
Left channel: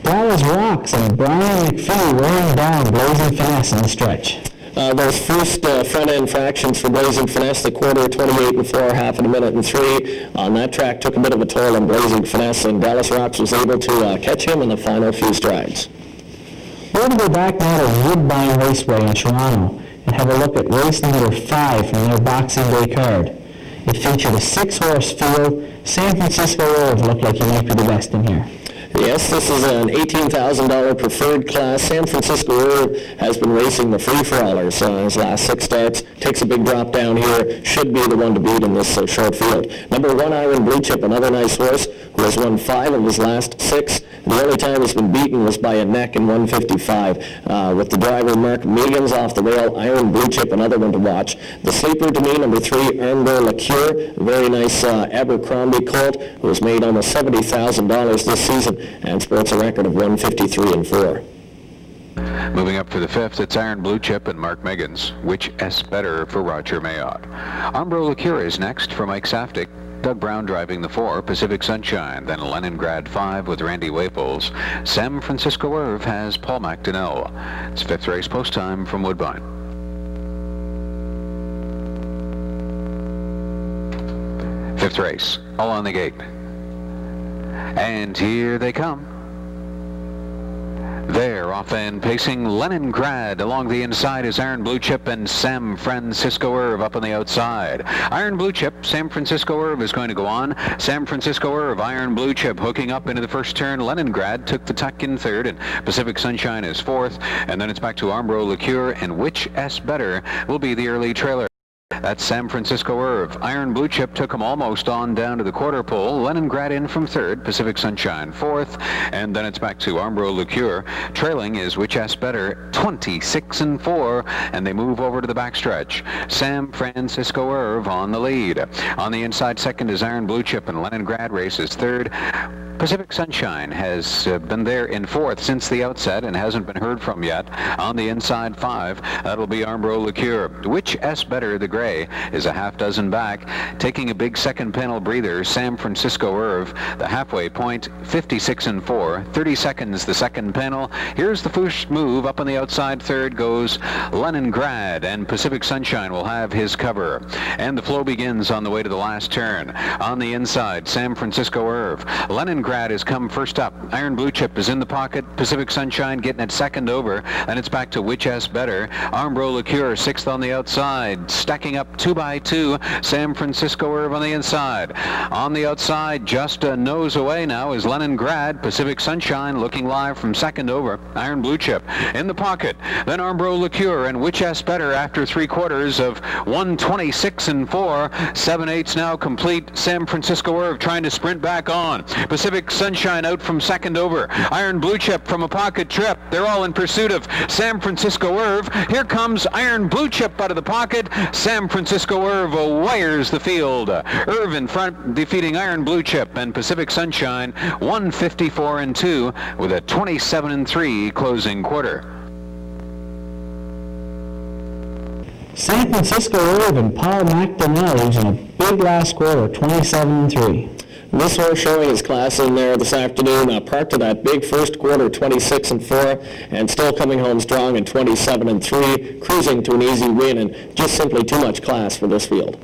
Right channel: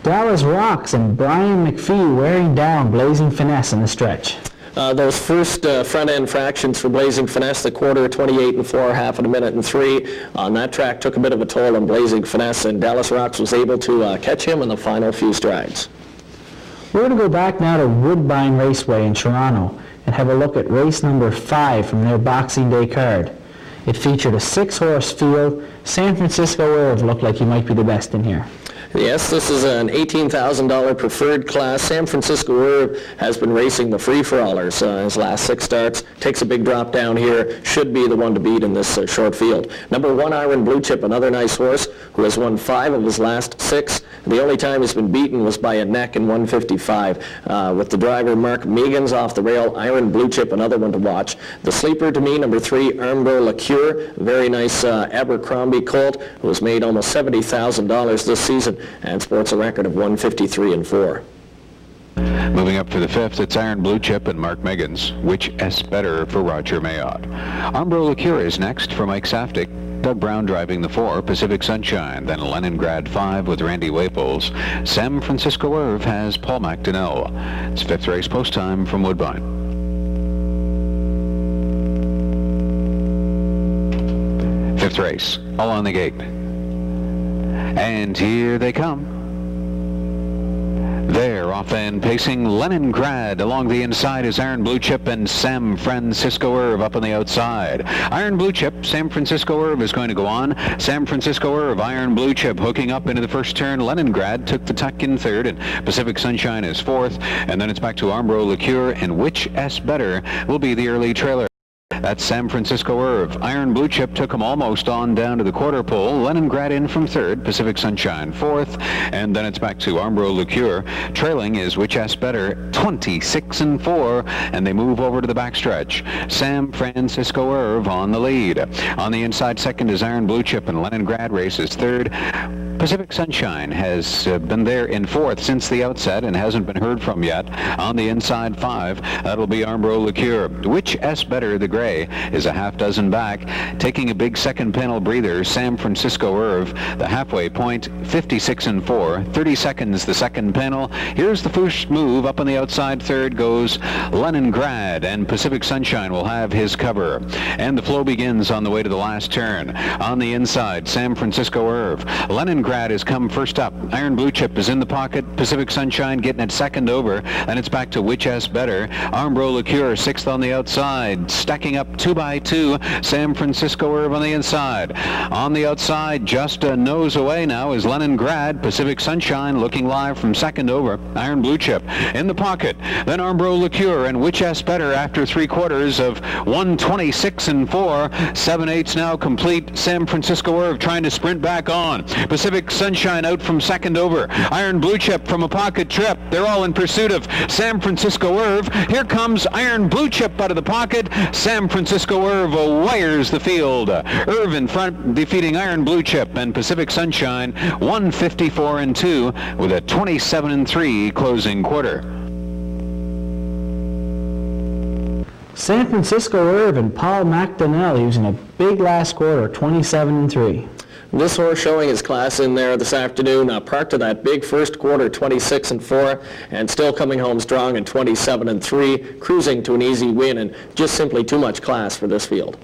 Dallas Rocks and Brian McPhee rolling down Blazing Frannes in the stretch. Those first front-end fractions for Blazing Frannes, the quarter, 28 and 4, half in a minute and 3. On that track took a bit of a toll on Blazing Frannes, and Dallas Rocks was able to catch him in the final few strides. We're going to go back down to the Woodbine Raceway in Toronto and have a look at race number 5 from their Boxing Day card. It featured a 6-horse field. San Francisco looked like he might be the best in here. Yes, this is an $18,000 preferred class. San Francisco Herb has been racing the free-for-allers his last 6 starts. Takes a big drop down here. Should be the one to beat in this short field. Number 1, Iron Blue Chip, another nice horse who has won 5 of his last 6. The only time he's been beaten was by a neck in 155. With the driver Mark Millions off the rail, Iron Blue Chip, another one to watch. The sleeper to me, number 3, Armbar Liqueur, a very nice Abercrombie colt who has made almost $70,000 this season and sports a record of 153 and 4. Moving up for the 5th, it's Iron Blue Chip and Mark Meggins. Which S better for Roger Mayotte? Armbar Liqueur is next for Mike Safdie. Doug Brown driving the 4, Pacific Sunshine, then Leningrad 5 with Randy Waples. San Francisco Irv has Paul McDonnell. It's 5th race post time from Woodbine. 5th race, all on the gate. And here they come. There, off and pacing Leningrad. Along the inside is Iron Blue Chip and San Francisco Irv up on the outside. Iron Blue Chip, San Francisco Irv is going to go on. San Francisco Irv, Iron Blue Chip hooking up into the first turn. Leningrad took the tuck in third, and Pacific Sunshine is 4th. And then it's back to Armbar Liqueur, and which S better will be the early trailer. That's San Francisco Irv. Iron Blue Chip took him almost on down to the quarter pole. Leningrad in from 3rd, Pacific Sunshine 4th, and then it's back to Armbar Liqueur. Trailing is Which S Better, 26 and 4, and they move over to the backstretch. San Francisco Irv on the lead. On the inside, second is Iron Blue Chip, and Leningrad races 3rd. Pacific Sunshine has been there in 4th since the outset and hasn't been heard from yet. On the inside 5, that'll be Armbar Liqueur. Which S Better, the gray, is a half dozen back. Taking a big second panel breather, San Francisco Irv, the halfway point, 56 and 4, 30 seconds the second panel. Here's the first move. Up on the outside 3rd goes Leningrad, and Pacific Sunshine will have his cover. And the flow begins on the way to the last turn. On the inside, San Francisco Irv. Leningrad Grad has come first up. Iron Blue Chip is in the pocket. Pacific Sunshine getting it second over. And it's back to Which Has Better. Armbro Liqueur sixth on the outside. Stacking up 2 by 2. San Francisco Irv on the inside. On the outside, just a nose away now is Leningrad. Pacific Sunshine looking live from second over. Iron Blue Chip in the pocket. Then Armbro Liqueur and Which Has Better after 3/4 of 1:26 and 4. 7/8 now complete. San Francisco Irv trying to sprint back on. Pacific Sunshine out from second over. Iron Blue Chip from a pocket trip. They're all in pursuit of San Francisco Irv. Here comes Iron Blue Chip out of the pocket. San Francisco Irv wires the field. Irv in front, defeating Iron Blue Chip and Pacific Sunshine 1:54 and 2 with a 27 and 3 closing quarter. San Francisco Irv and Paul McDonnell using a big last quarter, 27 and 3. This horse showing his class in there this afternoon, parked to that big first quarter, 26 and 4, and still coming home strong at 27 and 3, cruising to an easy win, and just simply too much class for this field.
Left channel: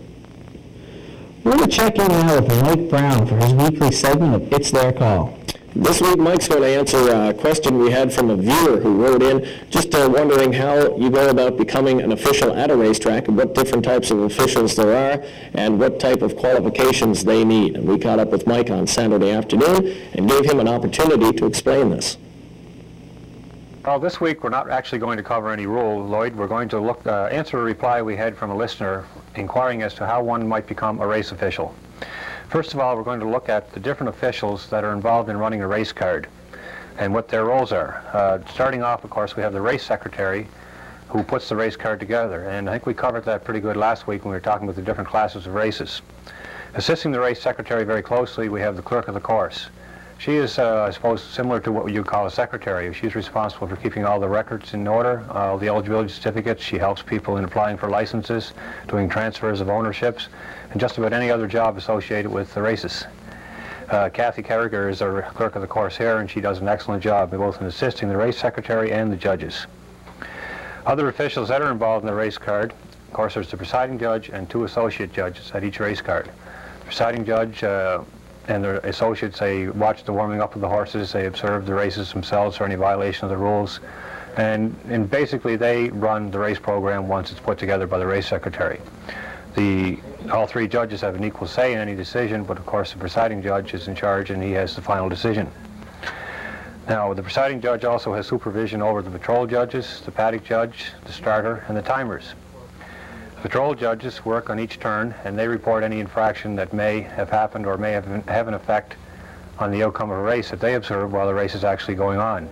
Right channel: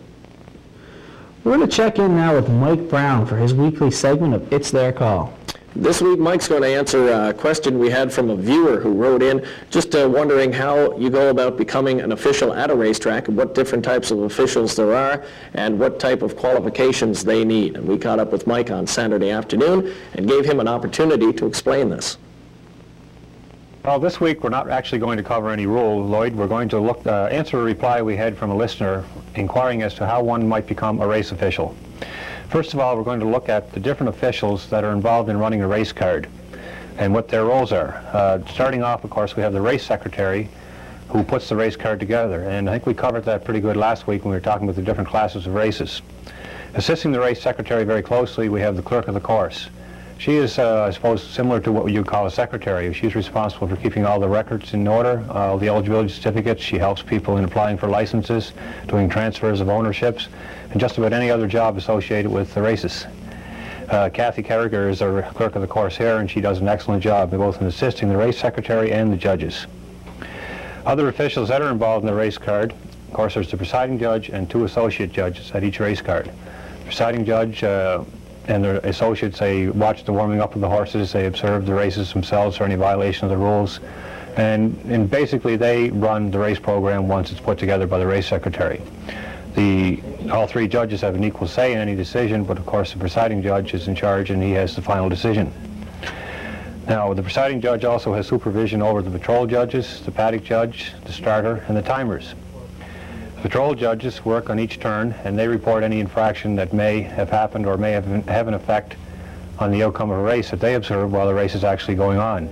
We're going to check in now with Mike Brown for his weekly segment of It's Their Call. This week, Mike's going to answer a question we had from a viewer who wrote in, just wondering how you go about becoming an official at a racetrack, and what different types of officials there are, and what type of qualifications they need. And we caught up with Mike on Saturday afternoon and gave him an opportunity to explain this. Well, this week we're not actually going to cover any rule, Lloyd. We're going to answer a reply we had from a listener inquiring as to how one might become a race official. First of all, we're going to look at the different officials that are involved in running a race card and what their roles are. Starting off, of course, we have the race secretary who puts the race card together, and I think we covered that pretty good last week when we were talking about the different classes of races. Assisting the race secretary very closely, we have the clerk of the course. She is, I suppose, similar to what you call a secretary. She's responsible for keeping all the records in order, all the eligibility certificates. She helps people in applying for licenses, doing transfers of ownerships, and just about any other job associated with the races. Kathy Carragher is our clerk of the course here, and she does an excellent job both in assisting the race secretary and the judges. Other officials that are involved in the race card, of course, there's the presiding judge and 2 associate judges at each race card. The presiding judge and their associates, they watch the warming up of the horses, they observe the races themselves for any violation of the rules, and basically they run the race program once it's put together by the race secretary. All 3 judges have an equal say in any decision, but of course the presiding judge is in charge and he has the final decision. Now, the presiding judge also has supervision over the patrol judges, the paddock judge, the starter, and the timers. The patrol judges work on each turn and they report any infraction that may have happened or may have an effect on the outcome of a race that they observe while the race is actually going on.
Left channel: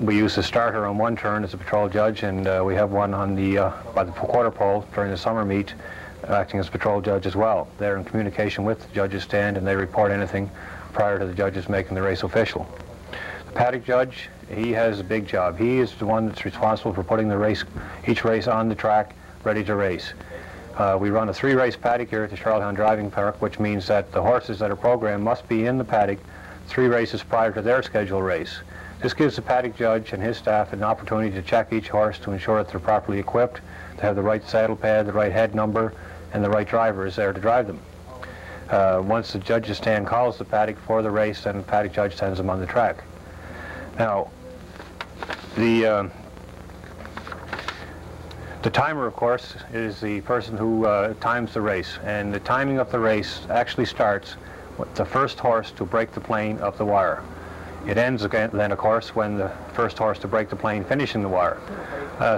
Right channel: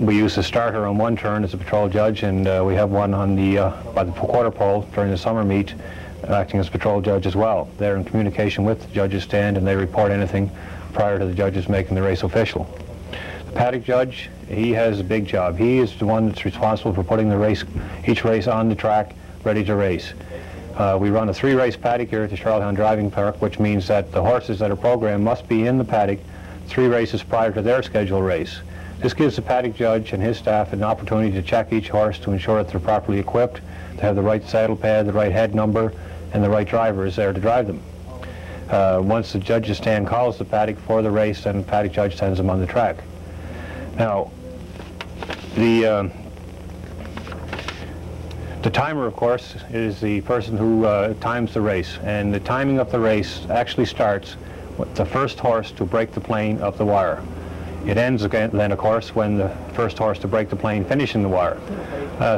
We use the starter on one turn as a patrol judge, and we have one on by the quarter pole during the summer meet acting as patrol judge as well. They're in communication with the judges' stand and they report anything prior to the judges making the race official. The paddock judge, he has a big job. He is the one that's responsible for putting each race on the track ready to race. We run a 3-race paddock here at the Charlottetown Driving Park, which means that the horses that are programmed must be in the paddock 3 races prior to their scheduled race. This gives the paddock judge and his staff an opportunity to check each horse to ensure that they're properly equipped, to have the right saddle pad, the right head number, and the right driver is there to drive them. Once the judge's stand calls the paddock for the race, then the paddock judge sends them on the track. Now, the timer, of course, is the person who times the race, and the timing of the race actually starts with the first horse to break the plane of the wire. It ends again, then, of course, when the first horse to break the plane finishing the wire.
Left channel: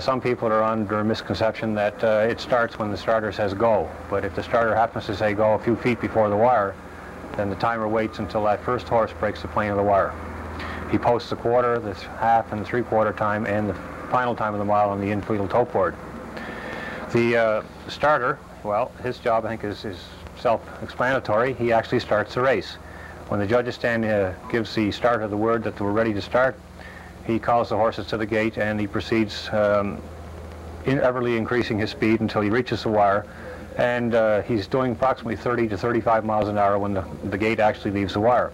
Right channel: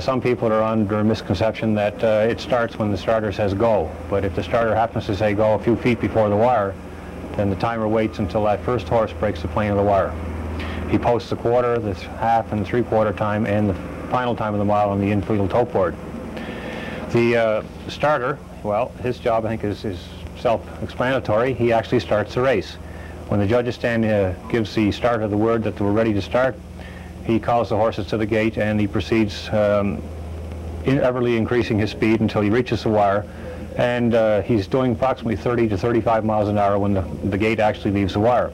Some people are under a misconception that it starts when the starter says go, but if the starter happens to say go a few feet before the wire, then the timer waits until that first horse breaks the plane of the wire. He posts the quarter, the half, and 3/4 time, and the final time of the mile on the infield tote board. The starter, well, his job, I think, is self-explanatory. He actually starts the race. When the judge's stand gives the starter the word that we're ready to start, he calls the horses to the gate and he proceeds everly increasing his speed until he reaches the wire, and he's doing approximately 30 to 35 miles an hour when the gate actually leaves the wire.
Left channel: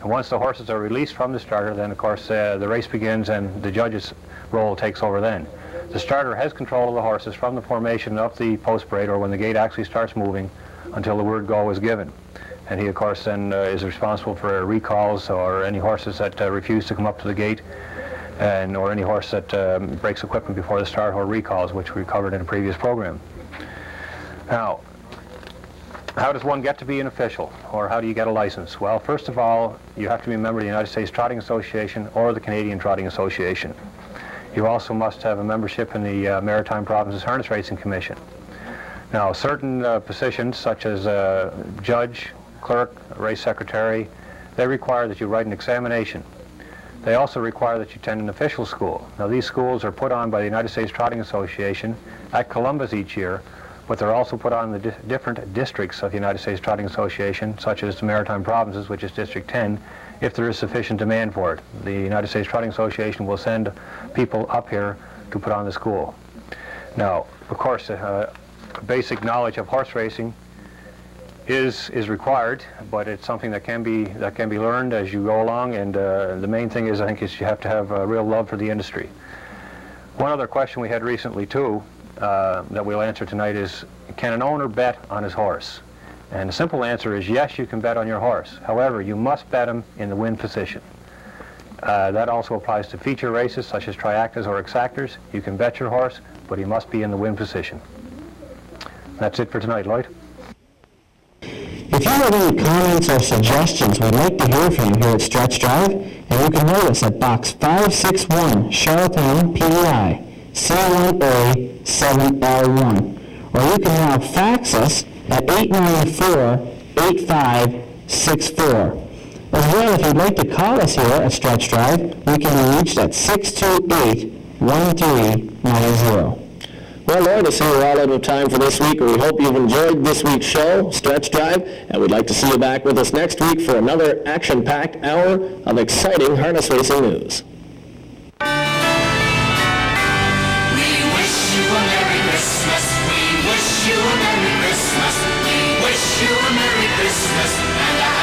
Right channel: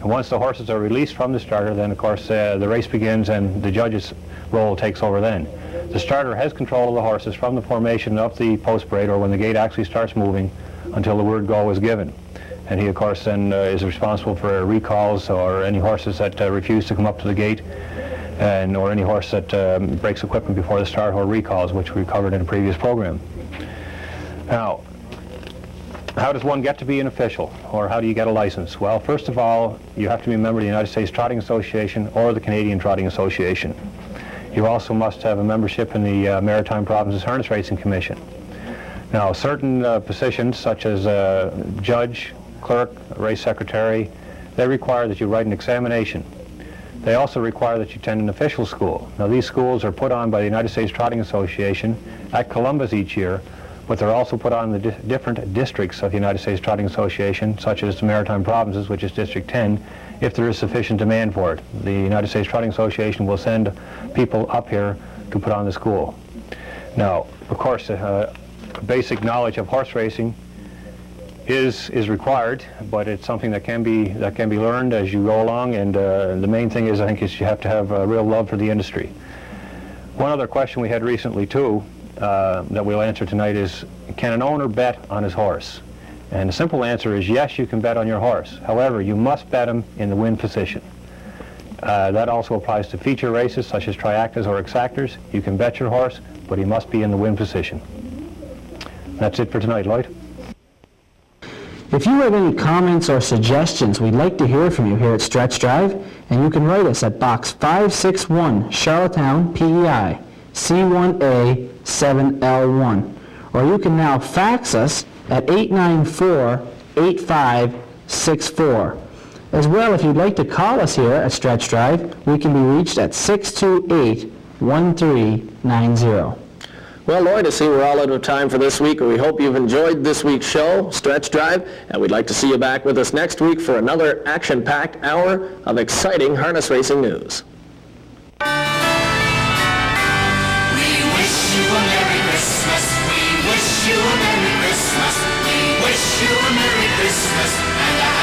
And once the horses are released from the starter, then of course the race begins and the judge's role takes over then. The starter has control of the horses from the formation of the post braid, or when the gate actually starts moving, until the word go is given. And he, of course, then is responsible for recalls or any horses that refuse to come up to the gate, or any horse that breaks equipment before the start, or recalls, which we covered in a previous program. Now, how does one get to be an official, or how do you get a license? Well, first of all, you have to be a member of the United States Trotting Association or the Canadian Trotting Association. You also must have a membership in the Maritime Provinces Harness Racing Commission. Now, certain positions, such as judge, clerk, race secretary, they require that you write an examination. They also require that you attend an official school. Now, these schools are put on by the United States Trotting Association at Columbus each year, but they're also put on in the different districts of the United States Trotting Association, such as the Maritime Provinces, which is District 10, if there is sufficient demand for it. The United States Trotting Association will send people up here to put on the school. Now, of course, basic knowledge of horse racing is required, but it's something that can be learned as you go along, and the main thing is, I think, is you have to have a real love for the industry. One other question we had recently, too, that we'll answer tonight is, can an owner bet on his horse? And the simple answer is yes, you can bet on your horse. However, you must bet him in the win position. That also applies to feature races such as triactas or exactors. You can bet your horse, but he must be in the win position. That's it for tonight, Lloyd. If you have any comments or suggestions, we'd like to hear from you here at Stretch Drive, and you can write us at Box 561, Charlottetown, PEI, C1A7R1. Or you can now fax us at 894-8564. As well, if you'd like to call us here at Stretch Drive, we can be reached at 628-1390. Well, Lloyd, I see we're all out of time for this week. We hope you've enjoyed this week's show, Stretch Drive, and we'd like to see you back with us next week for another action-packed hour of exciting harness racing news. We wish you a Merry Christmas. We wish you a Merry Christmas. We wish you a Merry Christmas and a